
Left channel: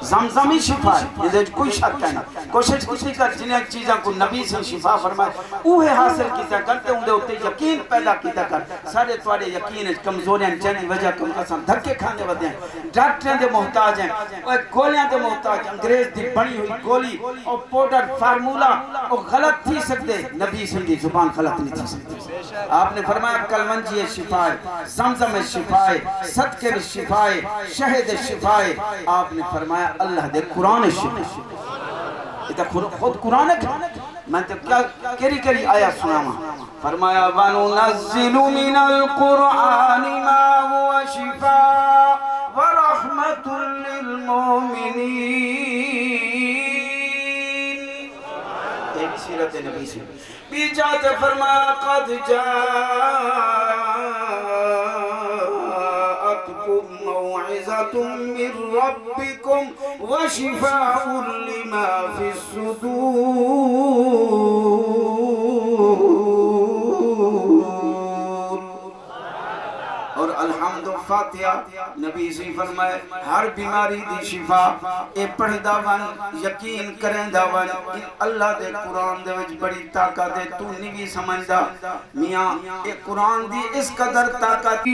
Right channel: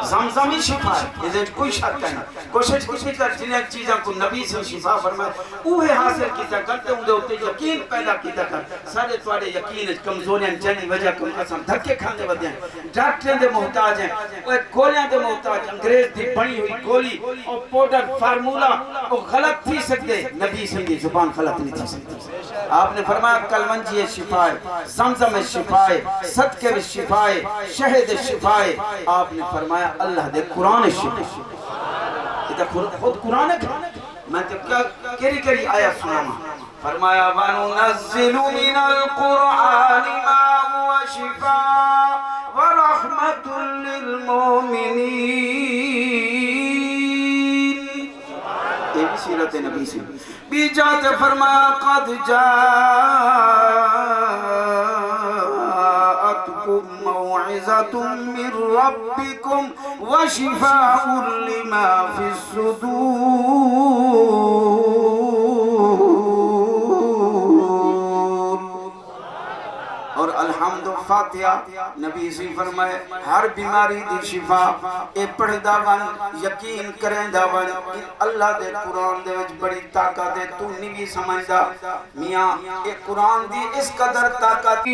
زمزمی شفا ہے یہ کوئی شک نہیں کوشش کسی کر جنہیں چیزاں کو نبی سے شفا فرمائے اوہ حاصل کیتا کرتے ہوں دے ہوتے یقین پیدا کیتا کر سارے توڑے یقین کمزوریاں جنی وجہ کم قسم دھکے کھانے ودے ہیں ڈاکٹریں دے محتاج ہیں گولیاں دے محتاج انگریز دی بڑی ہوئی گولی اور پوڈر فارمولا وہ غلط تھی سکتے نبی سے دی زبان غلط نہیں تھی سکتے آپ نے فرمایا کلمنجی شفا ہے زمزم شفا ہے صدقے شفا ہے شہد شفا ہے آپ نے فرمایا اللہ دے قرآن شفا ہے خود قرآن ہے میں تو کری کری آیت سناما فرمایا وَنُنَزِّلُ مِنَ الْقُرْآنِ مَا هُوَ شِفَاءٌ وَرَحْمَةٌ لِّلْمُؤْمِنِينَ یہ بھی سیرت نبی سے بھی جاتے فرمایا قد موعظة من ربكم وشفاء لما في الصدور اور الحمد فاتحہ نبی سے فرمائے ہر بیماری دی شفا اے پڑھ داون یقین کریں داون اللہ دے قرآن دے وچ بڑی طاقت ہے تو نہیں بھی سمجھدا میاں اے قرآن دی اس قدر طاقت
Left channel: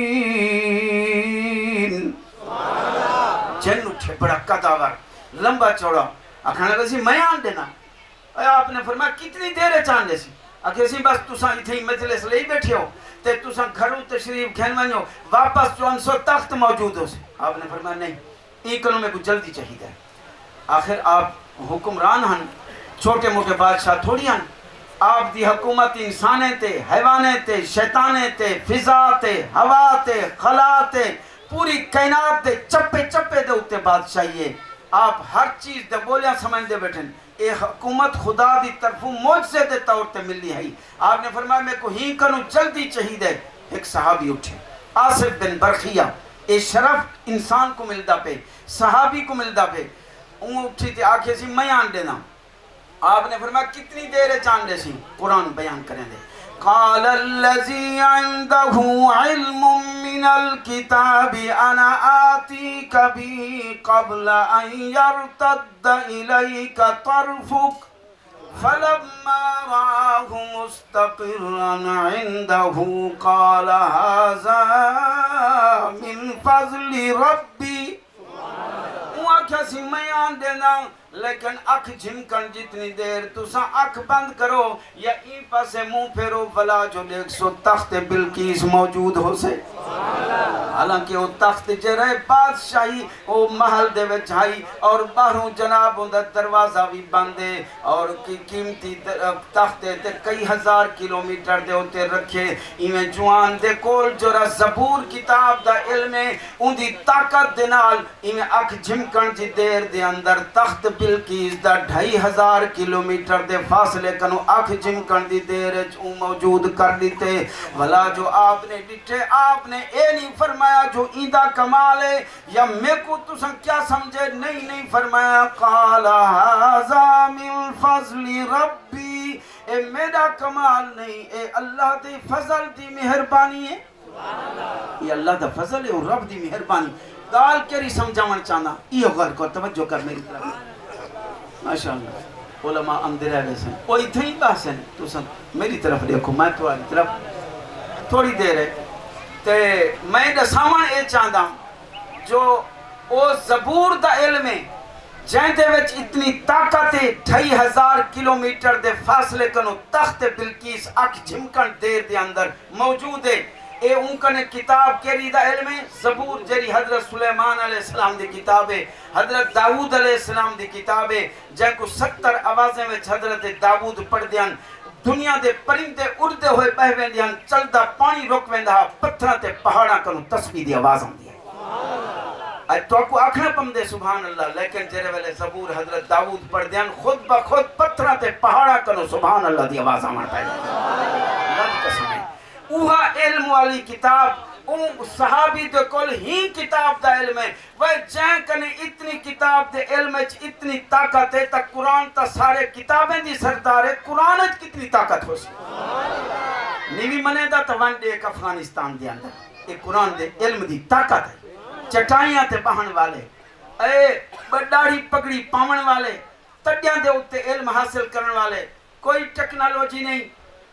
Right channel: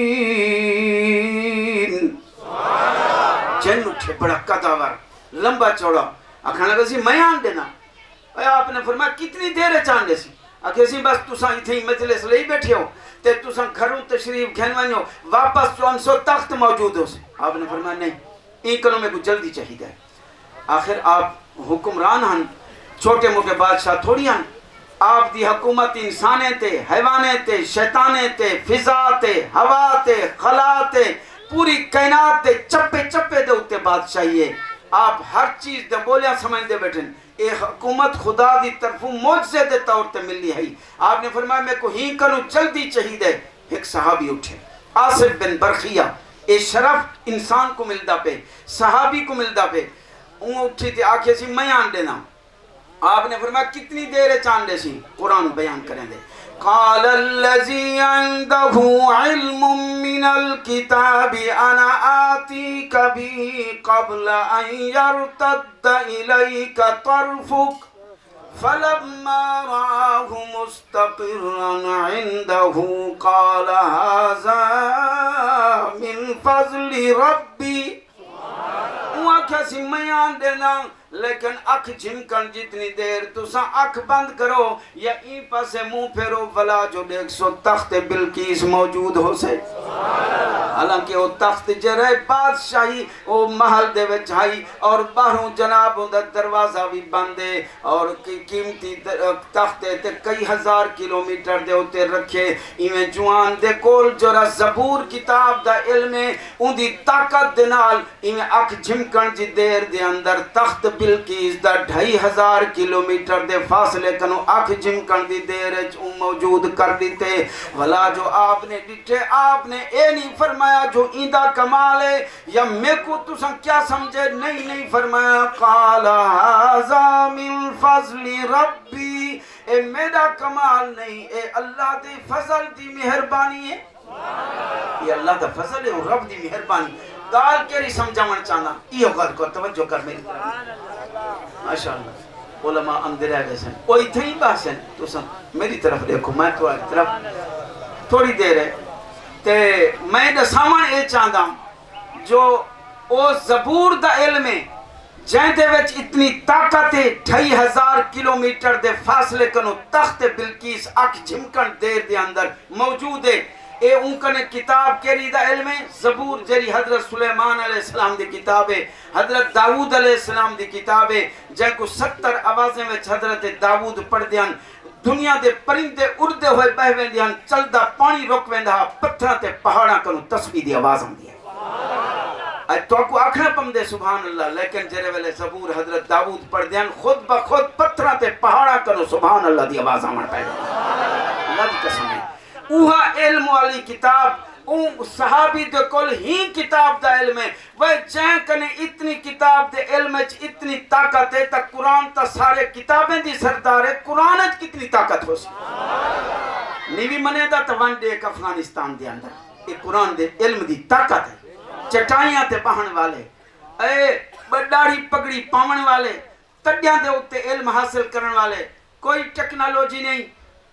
جن اٹھے بڑا قداور لمبا چوڑا اکھانا کسی میں آن دینا آپ نے فرمایا کتنی دیر ہے چاندے سی اگر سی بس تساں اتھے مجلس لئی بیٹھے ہو تے تساں گھروں تشریف کھینوانی ہو واپس 400 تخت موجود ہو سے آپ نے فرمایا نہیں ایک کلوں میں کو جلدی چاہیے ہے آخر آپ حکمران ہن چھوٹے موٹے بادشاہ تھوڑی ہن آپ دی حکومت انسانے تے حیوانے تے شیطانے تے فضا تے ہوا تے خلا تے پوری کائنات دے چپے چپے دے ہوتے بادشاہی ہے آپ ہر چیز دے بولیاں سمجھ دے بیٹھیں اے حکومت خدا دی طرفوں معجزے دے طور تے ملی ہے آپ نے فرمایا میں کو ہی کروں جلدی چاہیے ایک صحابی اٹھے آصف بن برخیہ اے شرف انسان کو ملدا پہ صحابی کو ملدا پہ اون اٹھی تھی آکھے سی میں آن دینا آپ نے فرمایا کتنی دیر چاند دے سی قرآن بیان کریں دے قال الذي عنده علم من الكتاب انا آتيك به قبل ان يرتد اليك طرفك فلما رآه مستقرا عنده قال هذا من فضل ربي وكسي میان دینا لیکن اکھ جھمکن جتنی دیر تسا اکھ بند کرو یا ای پاسے منہ پھیرو بلا جو دیکھ سو تخت بلقیس موجود ہو سے حالانکہ وہ تخت جرے بادشاہی وہ محل دے وچ آئی اور باہروں جناب ہوں دروازہ بھی بندے اور قیمتی تخت تے کئی ہزار کلومیٹر دے ہوتے رکھے ایویں جوان دے کول جورا زبور کتاب دا علم ان دی طاقت دے نال ایویں اکھ جھمکن جی دیر دے اندر تخت بلقیس دا 2500 کلومیٹر دے فاصلے کنو اکھ جھمکن دی دیر موجود کر دیتے بھلا جو آپ نے ڈٹھے آپ نے اے نہیں فرمایا جو ایندہ کمال ہے یا میں کو تساں کیا سمجھے نہیں فرمایا قال ھذا من فضل ربی اے میرا کمال نہیں اے اللہ دی فضل دی مہربانی ہے یہ اللہ دا فضل ہے اور رب دی مہربانی دال کیری سمجھاون چاہنا یہ غلط کو توجہ کر میری طرف ماشاءاللہ علماء اندر آئے سے کوئی تھے ہی بات ہے تو سن میری طرف دیکھو میں تو آئی طرف تھوڑی دیر ہے کہ میں نے سامان یہ چاہتا ہوں جو او زبور دا علم ہے جہاں دے وچ اتنی طاقت ہے 2500 کلومیٹر دے فاصلے کنو تخت بلقیس اکھ جھمکن دیر دے اندر موجود ہے اے ان کا نے کتاب کیری دا علم ہے زبور جری حضرت سلیمان علیہ السلام دی کتاب ہے حضرت داود علیہ السلام دی کتاب ہے جن کو 70 آوازیں میں حضرت داود پڑھ دیان دنیا دے پرندے اڑدے ہوئے بہ ویندیاں چلدا پانی روک ویندا پتھراں تے پہاڑاں کنو تسبیح دی آواز آندی ہے تو کو آکھنا پم دے سبحان اللہ لیکن جرے ویلے زبور حضرت داود پڑھ دیان خود بخود پتھراں تے پہاڑاں کنو سبحان اللہ دی آواز آمن پہ اللہ دی قسم ہے اوہا علم والی کتاب اون صحابی دے کل ہی کتاب دا علم ہے وہ چین کنے اتنی کتاب دے علم ہے اتنی طاقت ہے تا قرآن تا سارے کتابیں دی سردار ہے قرآن ہے کتنی طاقت ہو سی نیوی منے دا توان دے ایک افغانستان دے اندر یہ قرآن دے علم دی طاقت ہے چٹائیاں تے بہن والے اے بڑاڑی پگڑی پاون والے تڈیاں دے ہوتے علم حاصل کرن والے کوئی ٹیکنالوجی نہیں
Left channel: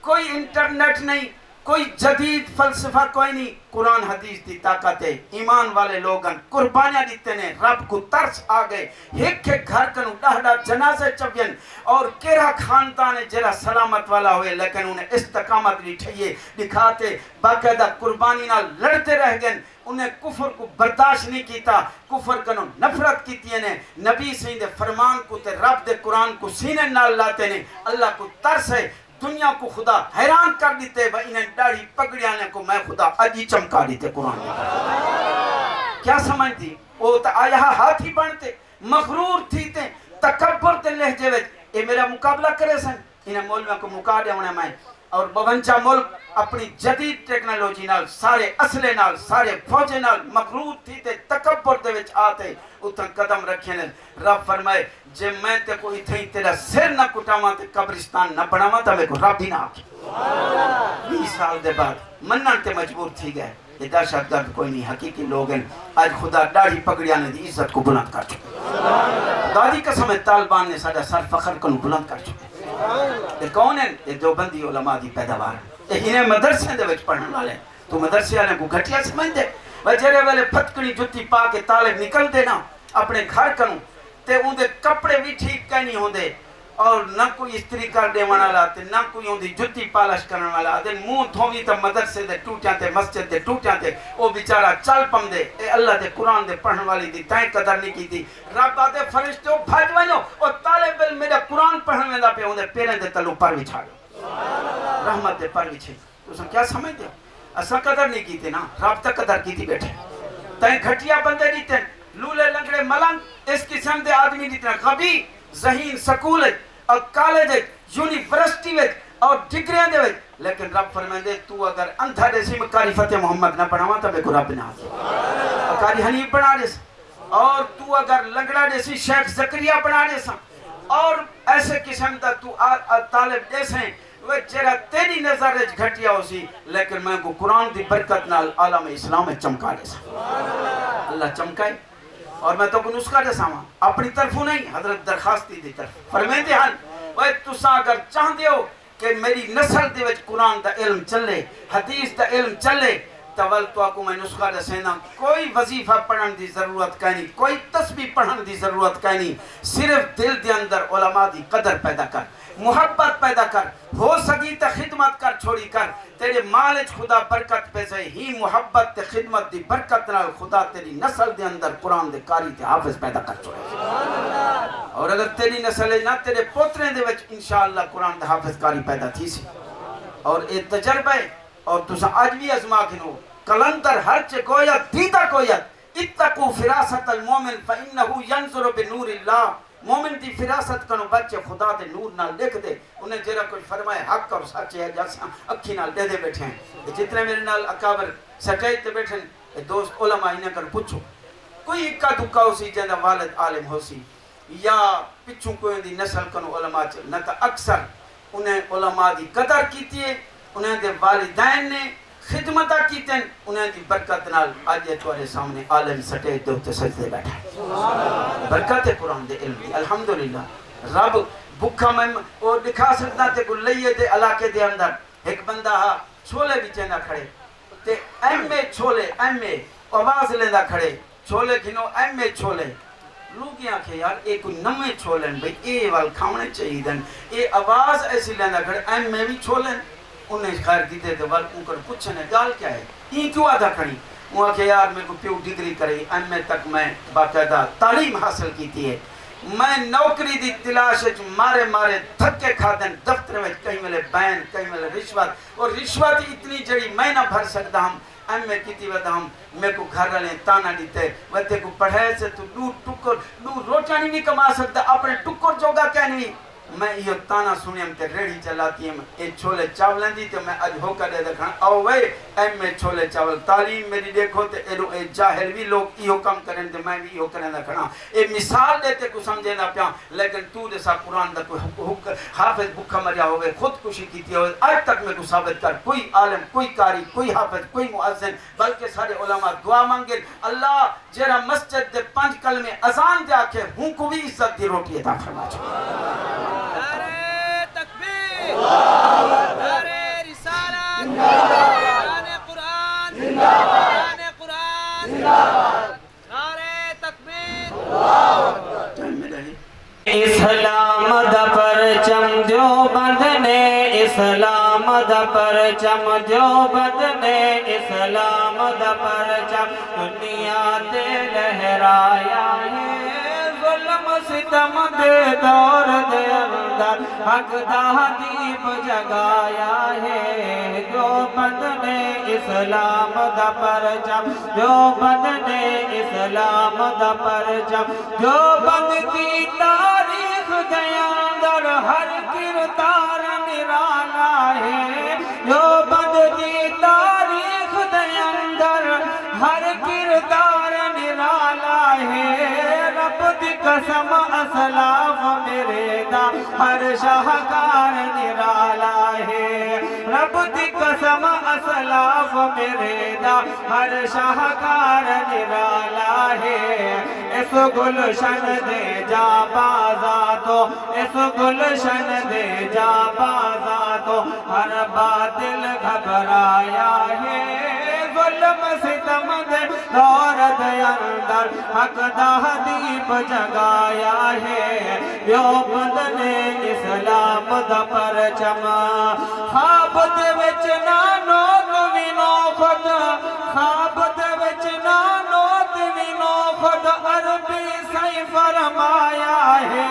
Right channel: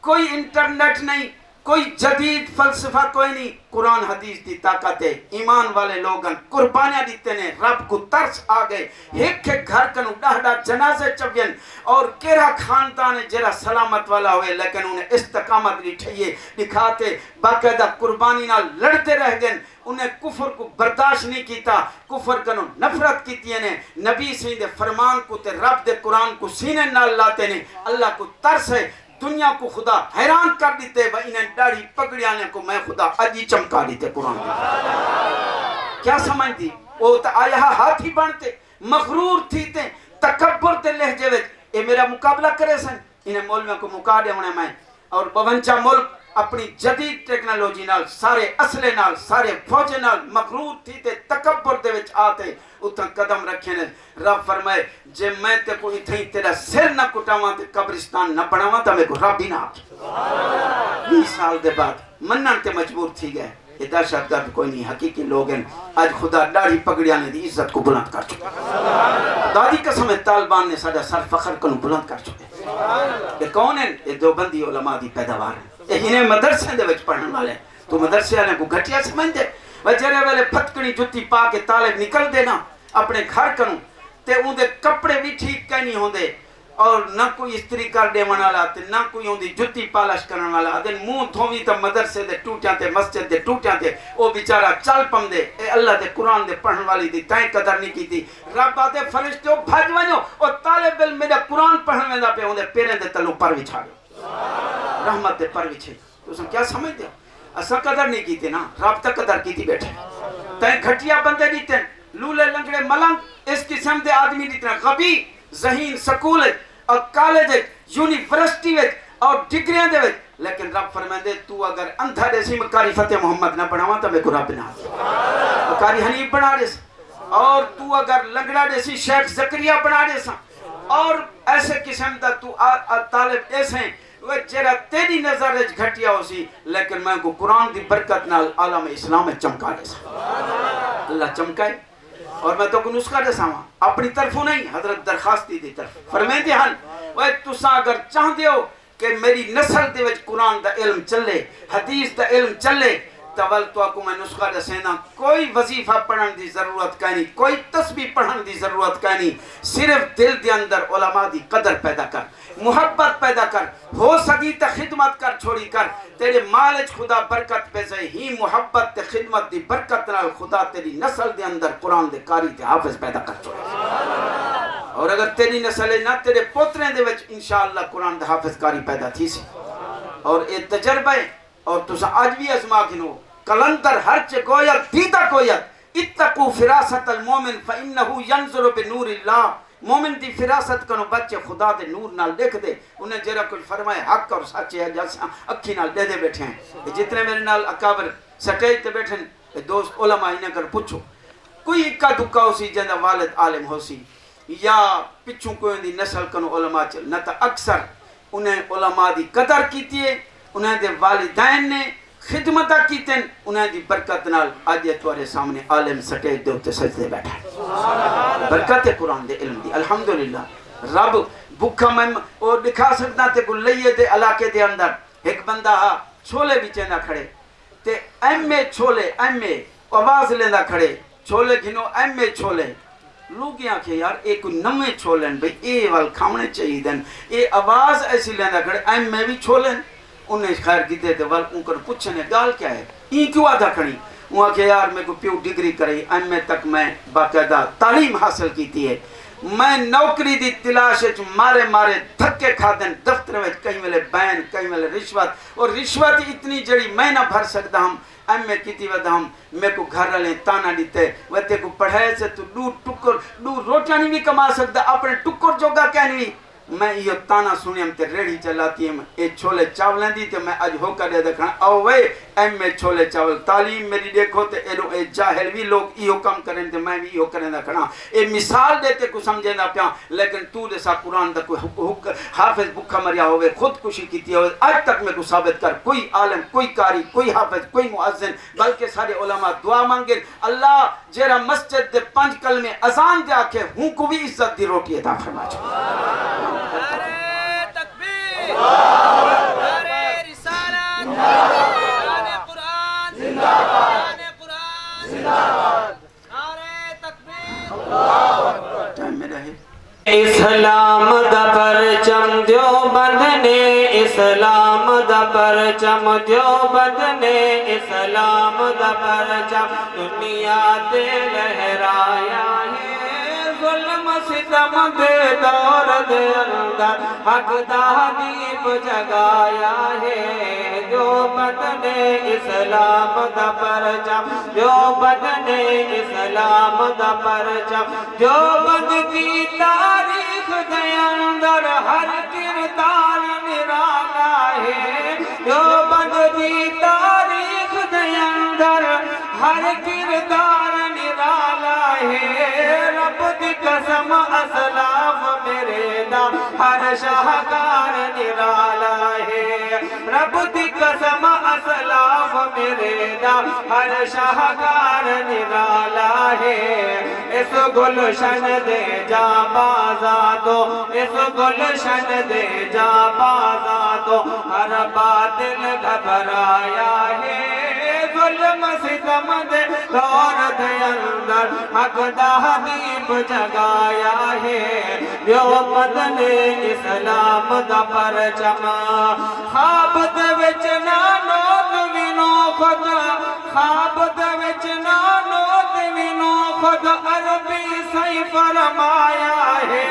کوئی انٹرنیٹ نہیں کوئی جدید فلسفہ کوئی نہیں قرآن حدیث دی طاقت ہے ایمان والے لوگن قربانیاں دیتے نے رب کو ترس آگئے ایک گھر کنو ڈاہڈا جنازے چوین اور کیرا خاندان ہے جرا سلامت والا ہوئے لیکن انہیں استقامت لٹھئیے دکھاتے باقاعدہ قربانی نہ لڑتے رہ گئے انہیں کفر کو برداشت نہیں کیتا کفر کنو نفرت کیتی ہیں نبی سے دے فرمان کو تے رب دے قرآن کو سینے نال لاتے نے اللہ کو ترس ہے دنیا کو خدا حیران کر دیتے وہ انہیں ڈاڑی پگڑیانے کو میں خدا اجی چمکا دیتے قرآن کیا سمجھ دی وہ تا آیا ہاتھی بنتے مغرور تھی تے تکبر تے لہجے وچ اے میرا مقابلہ کرے سن انہیں مولویوں کو مقابلہ ہونے میں اور بونچا ملک اپنی جدید ٹیکنالوجی نال سارے اسلحے نال سارے فوجے نال مغرور تھی تے تکبر دے وچ آتے اتنا قدم رکھے نے رب فرمائے جے میں تے کوئی تھئی تیرا سر نہ کٹاواں تے قبرستان نہ بناواں تے میں کو رب ہی نہ آکے 20 سال دے بعد منن تے مجبور تھی گئے یہ دہشت گرد کوئی نہیں حقیقی لوگ ہیں آج خدا داڑھی پگڑیاں نے دی عزت کو بلند کر چکا دادی قسم ہے طالبان نے ساڈا سر فخر کو بلند کر چکے یہ کون ہے یہ دیوبندی علماء دی پیداوار ہے یہ انہیں مدرسے دے وچ پڑھنے والے تو مدرسے والے کو گھٹیا سمجھ دے وجرے والے پھٹکڑی جتی پا کے طالب نکل دینا اپنے گھر کنوں تے ان دے کپڑے بھی ٹھیک کہیں نہیں ہوندے اور نہ کوئی استری کر دے والا تے نہ کوئی ہوندی جتی پالش کرن والا دے منہ دھووی تے مدرسے دے ٹوٹیاں تے مسجد دے ٹوٹیاں تے او بیچارہ چل پم دے اے اللہ دے قرآن دے پڑھن والی دی تائیں قدر نہیں کیتی رب دے فرشتے بھج ونجو او طالب علم میرا قرآن پڑھن ویندا پہ اون دے پیریں دے تلوں پر وچھا رحمت دے پر وچھے تساں کیا سمجھ دے اساں قدر نہیں کیتی نا رب تک قدر کیتی بیٹھے تائیں گھٹیا بندے دیتے لولے لنگڑے ملنگ اس قسم دے آدمی دیتے غبی ذہین سکول اور کالج یونیورسٹی اور ڈگریاں دے لیکن رب فرمائے دے تو اگر اندھا دیسی مکاری فتح محمد نہ پڑھاواں تو میں کو رب نہ مکاری حنیف بنا دے اور تو اگر لنگڑا دیسی شیخ زکریہ بنا دے اور ایسے قسم دا تو طالب ایسے ہیں وہ چہرہ تیری نظر وچ گھٹیا ہو سی لیکن میں کو قرآن دی برکت نال عالم اسلام میں چمکا دے اللہ چمکائے اور میں تو کو نسخہ دے ساواں اپنی طرفوں نہیں حضرت درخواستی دی طرف فرمائے دے ہن وہ تساں اگر چاہندے ہو کہ میری نسل دے وچ قرآن دا علم چلے حدیث دا علم چلے تول تو کو میں نسخہ دسینا کوئی وظیفہ پڑھن دی ضرورت کہنی کوئی تسبیح پڑھن دی ضرورت کہنی صرف دل دے اندر علماء دی قدر پیدا کر محبت پیدا کر ہو سکی تے خدمت کر چھوڑی کر تیرے مالج خدا برکت پہ سے ہی محبت تے خدمت دی برکت نال خدا تیری نسل دے اندر قرآن دے قاری تے حافظ پیدا کر چھوڑی اور اگر تیری نسل نہ تیرے پوترے دے وچ انشاءاللہ قرآن دے حافظ قاری پیدا تھی سی اور یہ تجربہ ہے اور تسا آج بھی ازما کنو کلندر ہر چے گویت دیدہ گویت اتقو فراست المومن فإنہو ینظر بنور اللہ مومن دی فراست کنو بچے خدا دے نور نال دیکھ دے انہیں جرہ کچھ فرمائے حق اور سچے ہے جیسا اکھی نال دے بیٹھے ہیں جتنے میرے نال اکابر سٹیج تے بیٹھے ہیں دوست علماء انہیں کر پوچھو کوئی اکا دکا ہو سی جنہ والد عالم ہو سی یا پچھوں کوئی دی نسل کنو علماء چل نہ تا اکثر انہیں علماء دی قدر کیتی ہے انہیں دے والدین نے خدمتہ کیتے ہیں انہیں دی برکت نال آج یہ توارے سامنے عالم سٹیج دے ہوتے سجدے بیٹھا ہے برکت قرآن دے علم دی الحمدللہ رب بکھا میں اور دکھا سکتا تے کو لئیے دے علاقے دے اندر ایک بندہ چھولے بھی چینہ کھڑے تے ایم اے چھولے ایم اے آواز لیندہ کھڑے چھولے گھنو ایم اے چھولے لوگ یہاں کہ یار ایک نمے چھولن بھئی اے وال کھامنے چاہیے دن اے آواز ایسی لیندہ کھڑے ایم اے بھی چھولن انہیں خیر کی دے وال ان کو پوچھنے گال کیا ہے یہ کیوں آدھا کھڑی وہاں کہ یار میں کو پیو ڈگری کرے ایم اے تک میں باقاعدہ تعلیم حاصل کی تھی ہے میں نوکری دی تلاش مارے مارے دھکے کھادن دفتر میں کہیں ملے بین کہیں ملے رشوت اور رشوت اتنی جڑی میں نہ بھر سکتا ہم ایم اے کیتی ودا ہم میں کو گھر لیں تانا دیتے وتے کو پڑھائے سے تو دو ٹکر دو روٹیاں نہیں کما سکتا اپنے ٹکر جوگا کیا نہیں میں یہ تانا سنی ہم تے ریڑھی چلاتی ہم اے چھولے چاولیں دی تے میں اج ہو کر دے دکھنا او وے ایم اے چھولے چاول تعلیم میری دیکھو تے اے جاہل بھی لوگ ایو کم کریں تے میں بھی ایو کریں دکھنا اے مثال دیتے کو سمجھے نہ پیا لیکن تو دے سا قرآن دا کوئی حافظ بکھا مریا ہوئے خودکشی کیتی ہوئے آج تک میں کو ثابت کر کوئی عالم کوئی قاری کوئی حافظ کوئی مؤذن بلکہ سارے علماء دعا مانگے اللہ جیرا مسجد دے 5 کلمے اذان دے آکھے ہوں کو بھی عزت دی روٹی عطا فرما چاہیے نعرے رسالت نعرے قرآن نعرے قرآن نعرے تکبیر اسلام دا پرچم دیوبند نے اسلام دا پرچم دیوبند نے اسلام دا پرچم دنیا تے لہرایا ہے ظلم ستم دے دور دے اندر حق دا دیپ جگایا ہے دیوبند نے اسلام دا پرچم دیوبند نے اسلام دا پرچم دیوبند کی تاریخ دے اندر ہر کردار نرالا ہے دیوبند کی تاریخ دے اندر ہر کردار نرالا ہے رب دی قسم اسلاف میرے دا ہر شاہکار نرالا ہے رب دی قسم اسلاف میرے دا ہر شاہکار نرالا ہے اس گلشن دے جا بازا تو اس گلشن دے جا بازا تو ہر باطل گھبرایا ہے ظلم ستم دے دور دے اندر حق دا دیپ جگایا ہے دیوبند نے اسلام دا پرچم خواب دے وچ نہ نوت وینو خود خواب دے وچ نہ نوت وینو خود عربی صحیح فرمایا ہے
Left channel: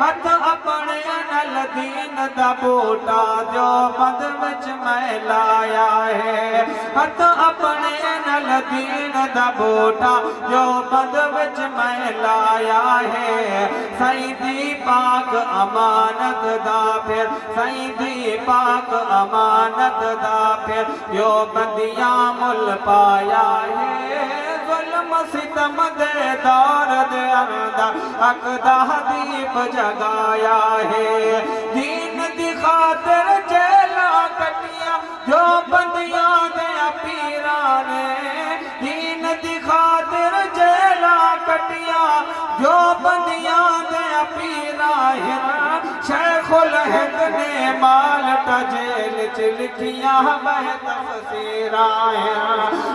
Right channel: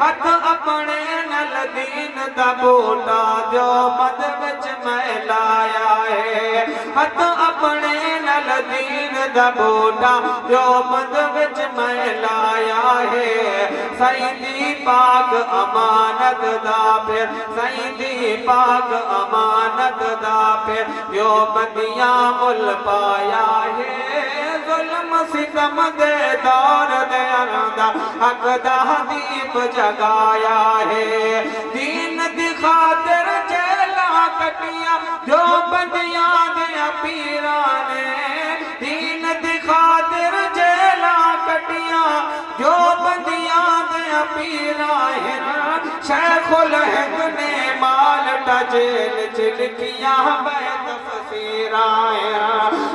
ہاتھ اپنے نل دین دا بوٹا دیوبند وچ میں لایا ہے ہاتھ اپنے نل دین دا بوٹا دیوبند وچ میں لایا ہے سیدی پاک امانت دا پھر سیدی پاک امانت دا پھر دیوبندیاں مل پایا ہے ظلم ستم دے دور دے اندر حق دا دیپ جگایا ہے دین دی خاطر جیلا کٹیا دیوبندیاں دے پیرانے دین دی خاطر جیلا کٹیا دیوبندیاں دے پیرانے شیخ الہند نے بالٹا جیل چلکیاں بہ تفسیر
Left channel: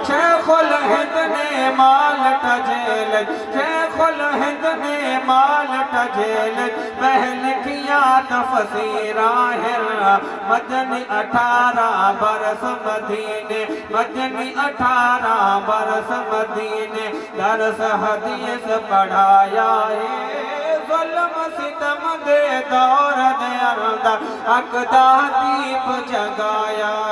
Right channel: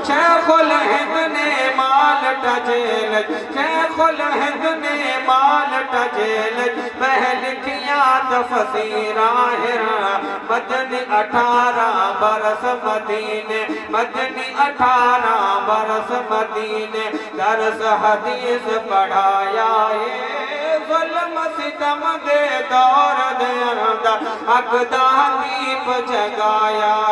شیخ الہند نے مالٹ جیلت شیخ الہند نے مالٹ جیلت بہن کیا تفسیر مدنی 18 برس مدینے مدنی 18 برس مدینے درس حدیث پڑھایا ظلم ستم دے دور دے اندر اقدا دیپ جگایا